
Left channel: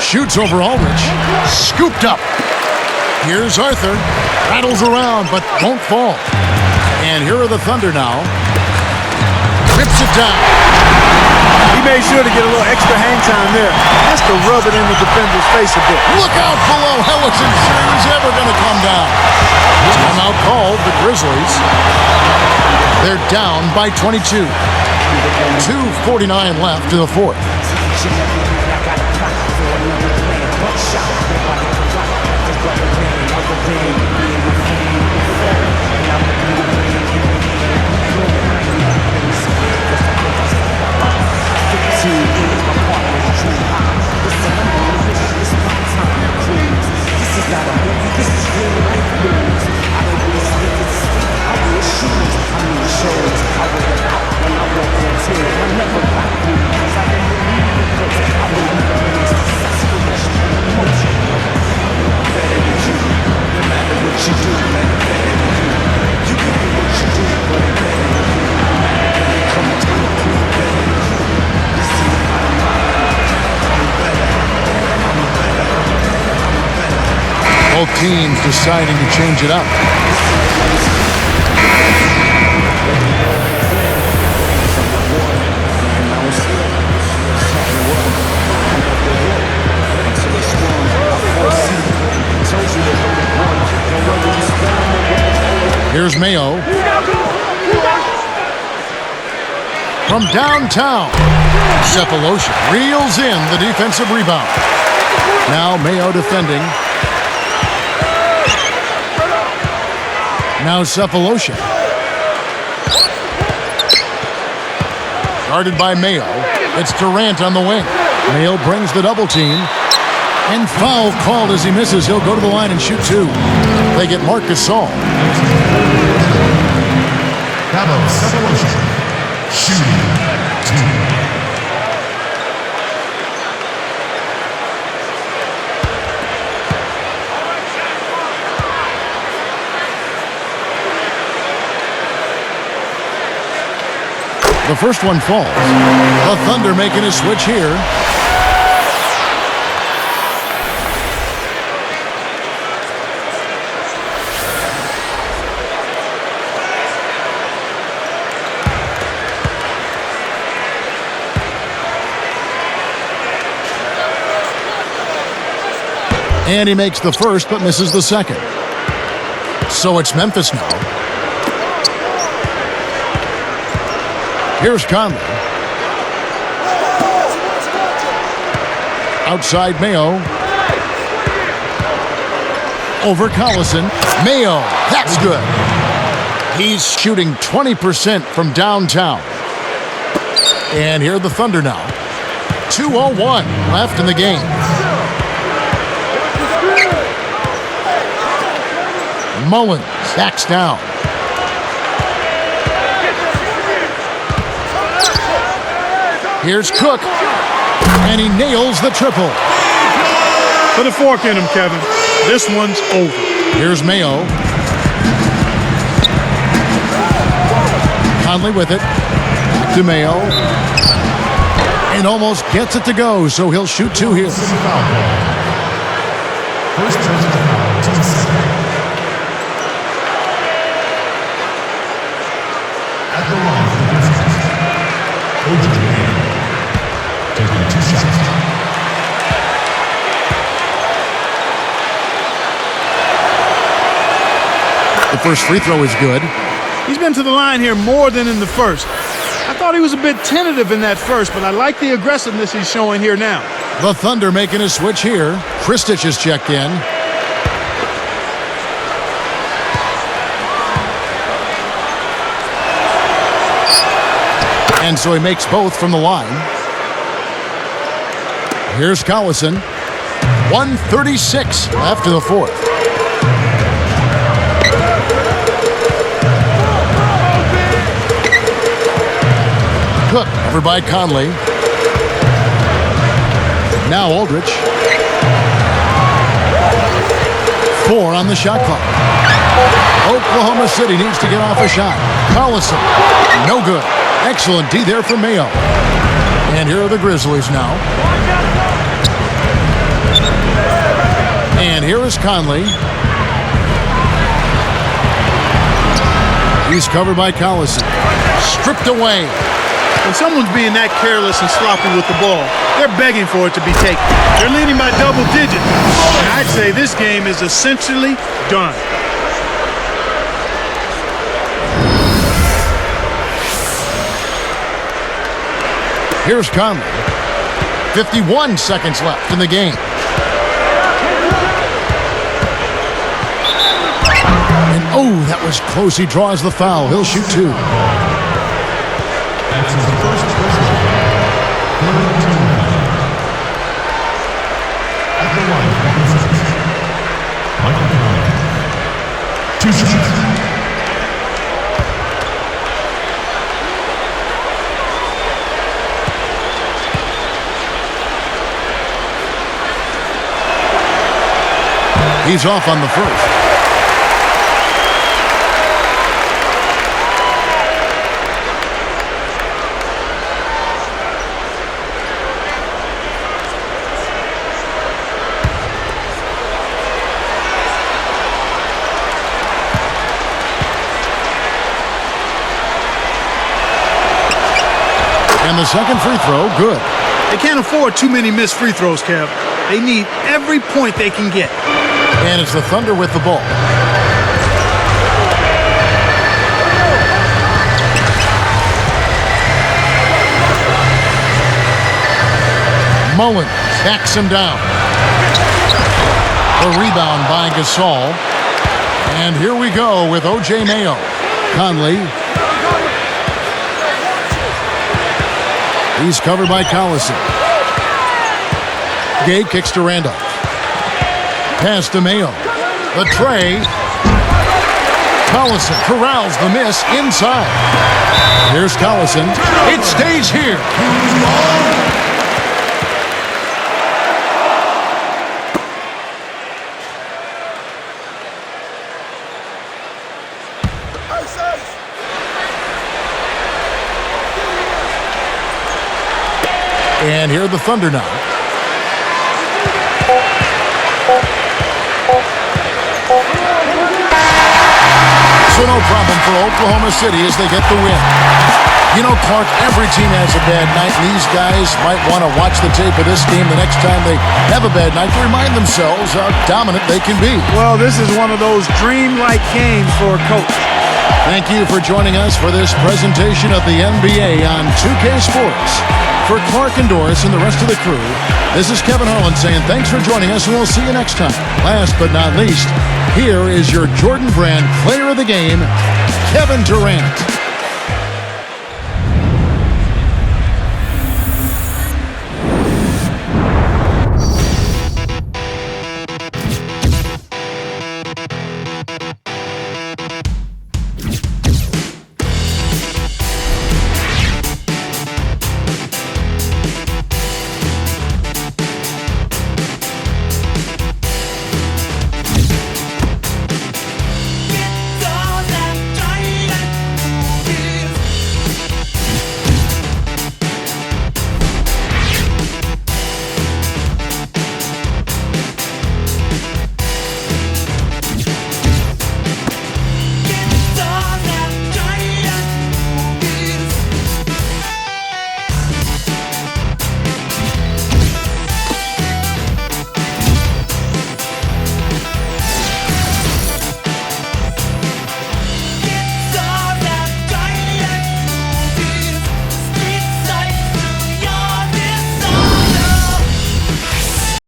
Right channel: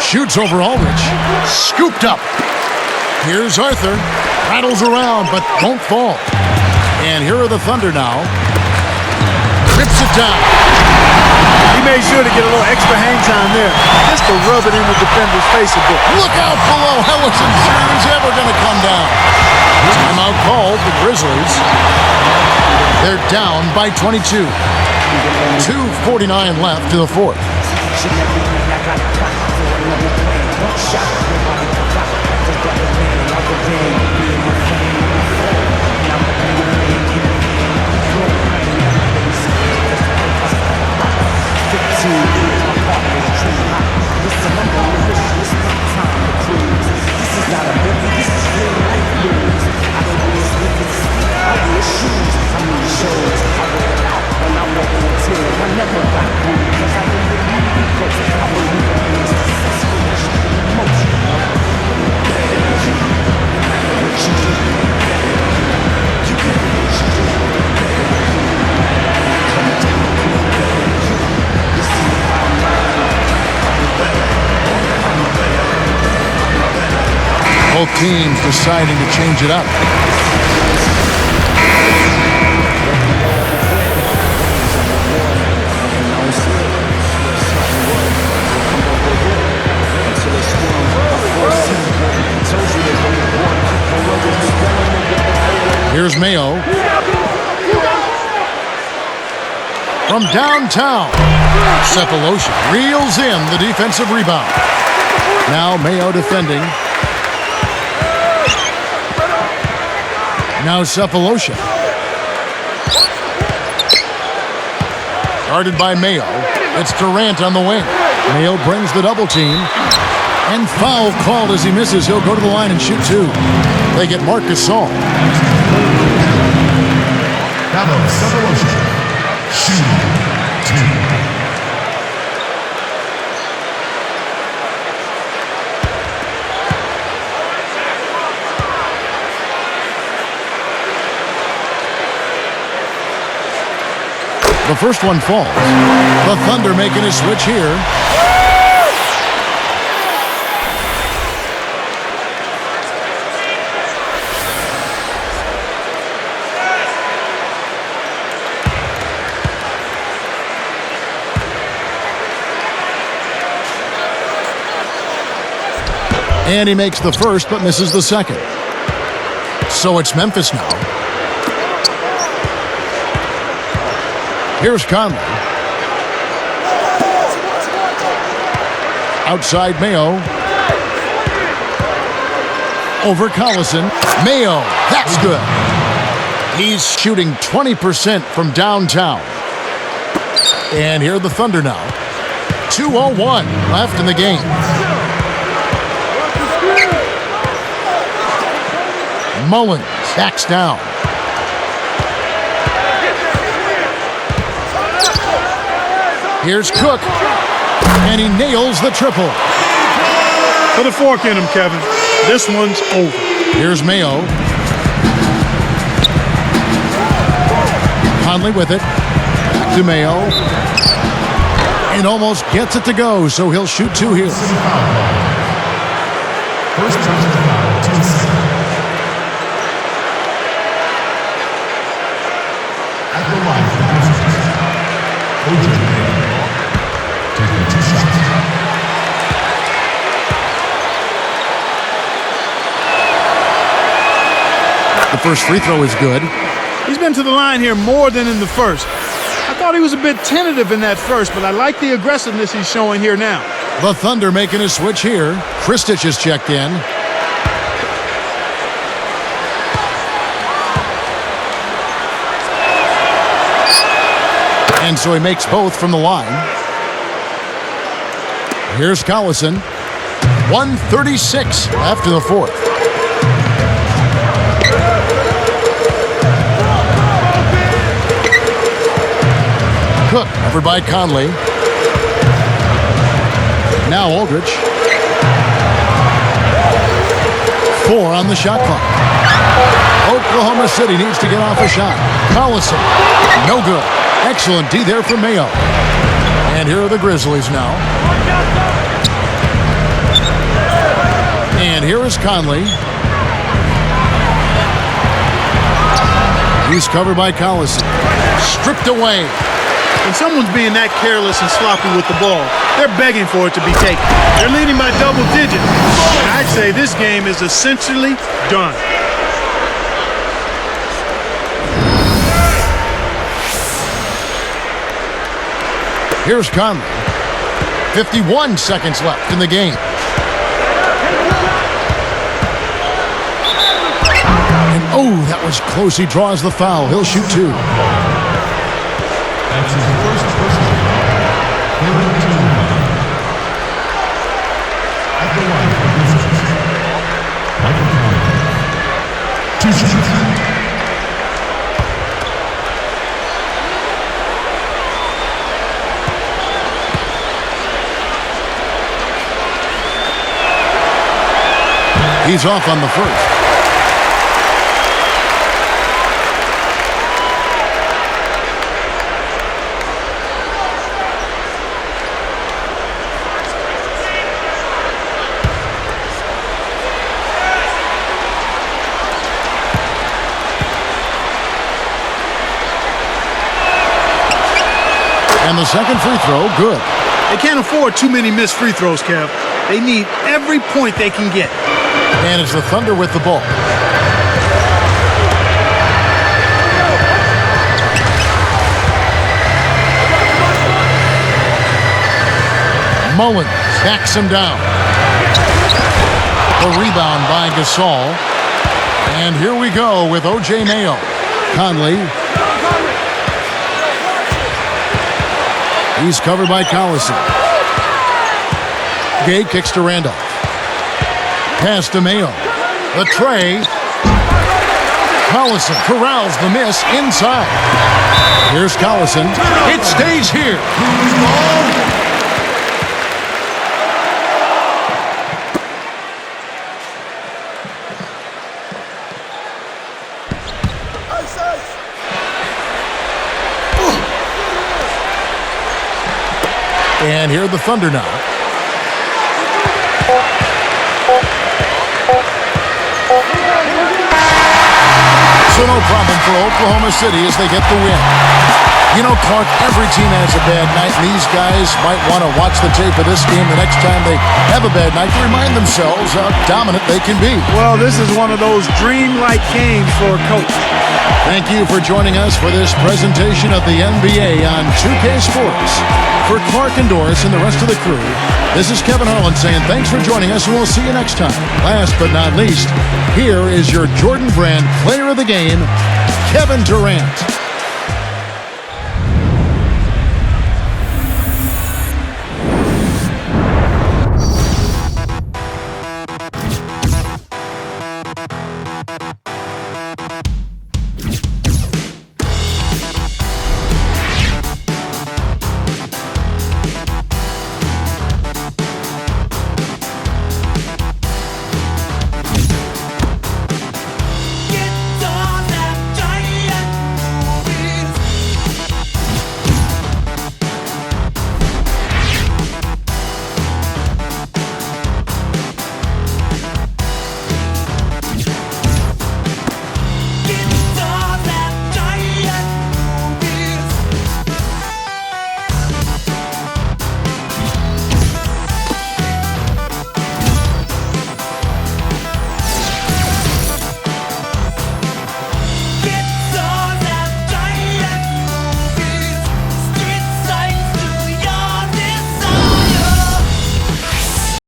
Shoots over Aldridge. Scooped up. Here's Arthur. Rattles around, but won't fall. And here are the Thunder now. Rips it down. He made sure to get a little extra hang time there, just to rub it in the defender's face a bit. Look out below. I wasn't sure he was ever going to come down. Timeout called, the Grizzlies. They're down by 22. 2:49 left to the fourth. Both teams deciding to change it up. Here's Mayo. From downtown, Cephalosha reels in the defensive rebound. Now Mayo defending. Now Cephalosha. Guarded by Mayo. It's Durant on the wing. Mayo brings the double team. And foul called as he misses. He'll go to the line and shoot two. They get Marc Gasol. Shooting two. The first one falls. The Thunder making a switch here. And he makes the first but misses the second. So it's Memphis now. Here's Conley. Outside Mayo. Over Collison. Mayo, that's good. He's shooting 20% from downtown. And here are the Thunder now. 2:01 left in the game. Mullins backs down. Here's Cook, and he nails the triple. Put a fork in him, Kevin. This one's over. Here's Mayo. Conley with it. Back to Mayo. And almost gets it to go, so he'll shoot two here. First personal foul, 2 seconds. At the line for the Grizzlies, O.J. Mayo, taking 2 shots. The first free throw is good. He's been to the line here more than in the first. I thought he was a bit tentative in that first, but I like the aggressiveness he's showing here now. The Thunder making a switch here. Kristich is checked in. And so he makes both from the line. Here's Collison. 1:36 left in the fourth. Cook over by Conley. Now Aldridge. 4 on the shot clock. Oklahoma City needs to get off a shot. Collison, no good. Excellent D there for Mayo. And here are the Grizzlies now. And here is Conley. He's covered by Collison. Stripped away. When someone's being that careless and sloppy with the ball, they're begging for it to be taken. They're leading by double digits. And I'd say this game is essentially done. Here's Conley. 51 seconds left in the game. And oh, that was close. He draws the foul. He'll shoot 2. That's his first personal foul. Third team foul. At the line for the Grizzlies, Michael Conley, 2 shots. He's off on the first. And the second free throw, good. They can't afford too many missed free throws, Kev. They need every point they can get. And it's the Thunder with the ball. Mullins backs him down. The rebound by Gasol. And here we go with O.J. Mayo. Conley. He's covered by Collison. Gay kicks to Randolph. Pass to Mayo. The tray. Collison corrals the miss inside. Here's Collison. It stays here. And here are the Thunder now. So no problem for Oklahoma City as they get the win. You know, Clark, every team has a bad night, and these guys might want to watch the tape of this game the next time they have a bad night to remind themselves how dominant they can be. Well, this is one of those dreamlike games for a coach. Thank you for joining us for this presentation of the NBA on 2K Sports. For Clark and Doris and the rest of the crew, this is Kevin Harlan saying thanks for joining us, and we'll see you next time. Last but not least, here is your Jordan Brand Player of the Game, Kevin Durant.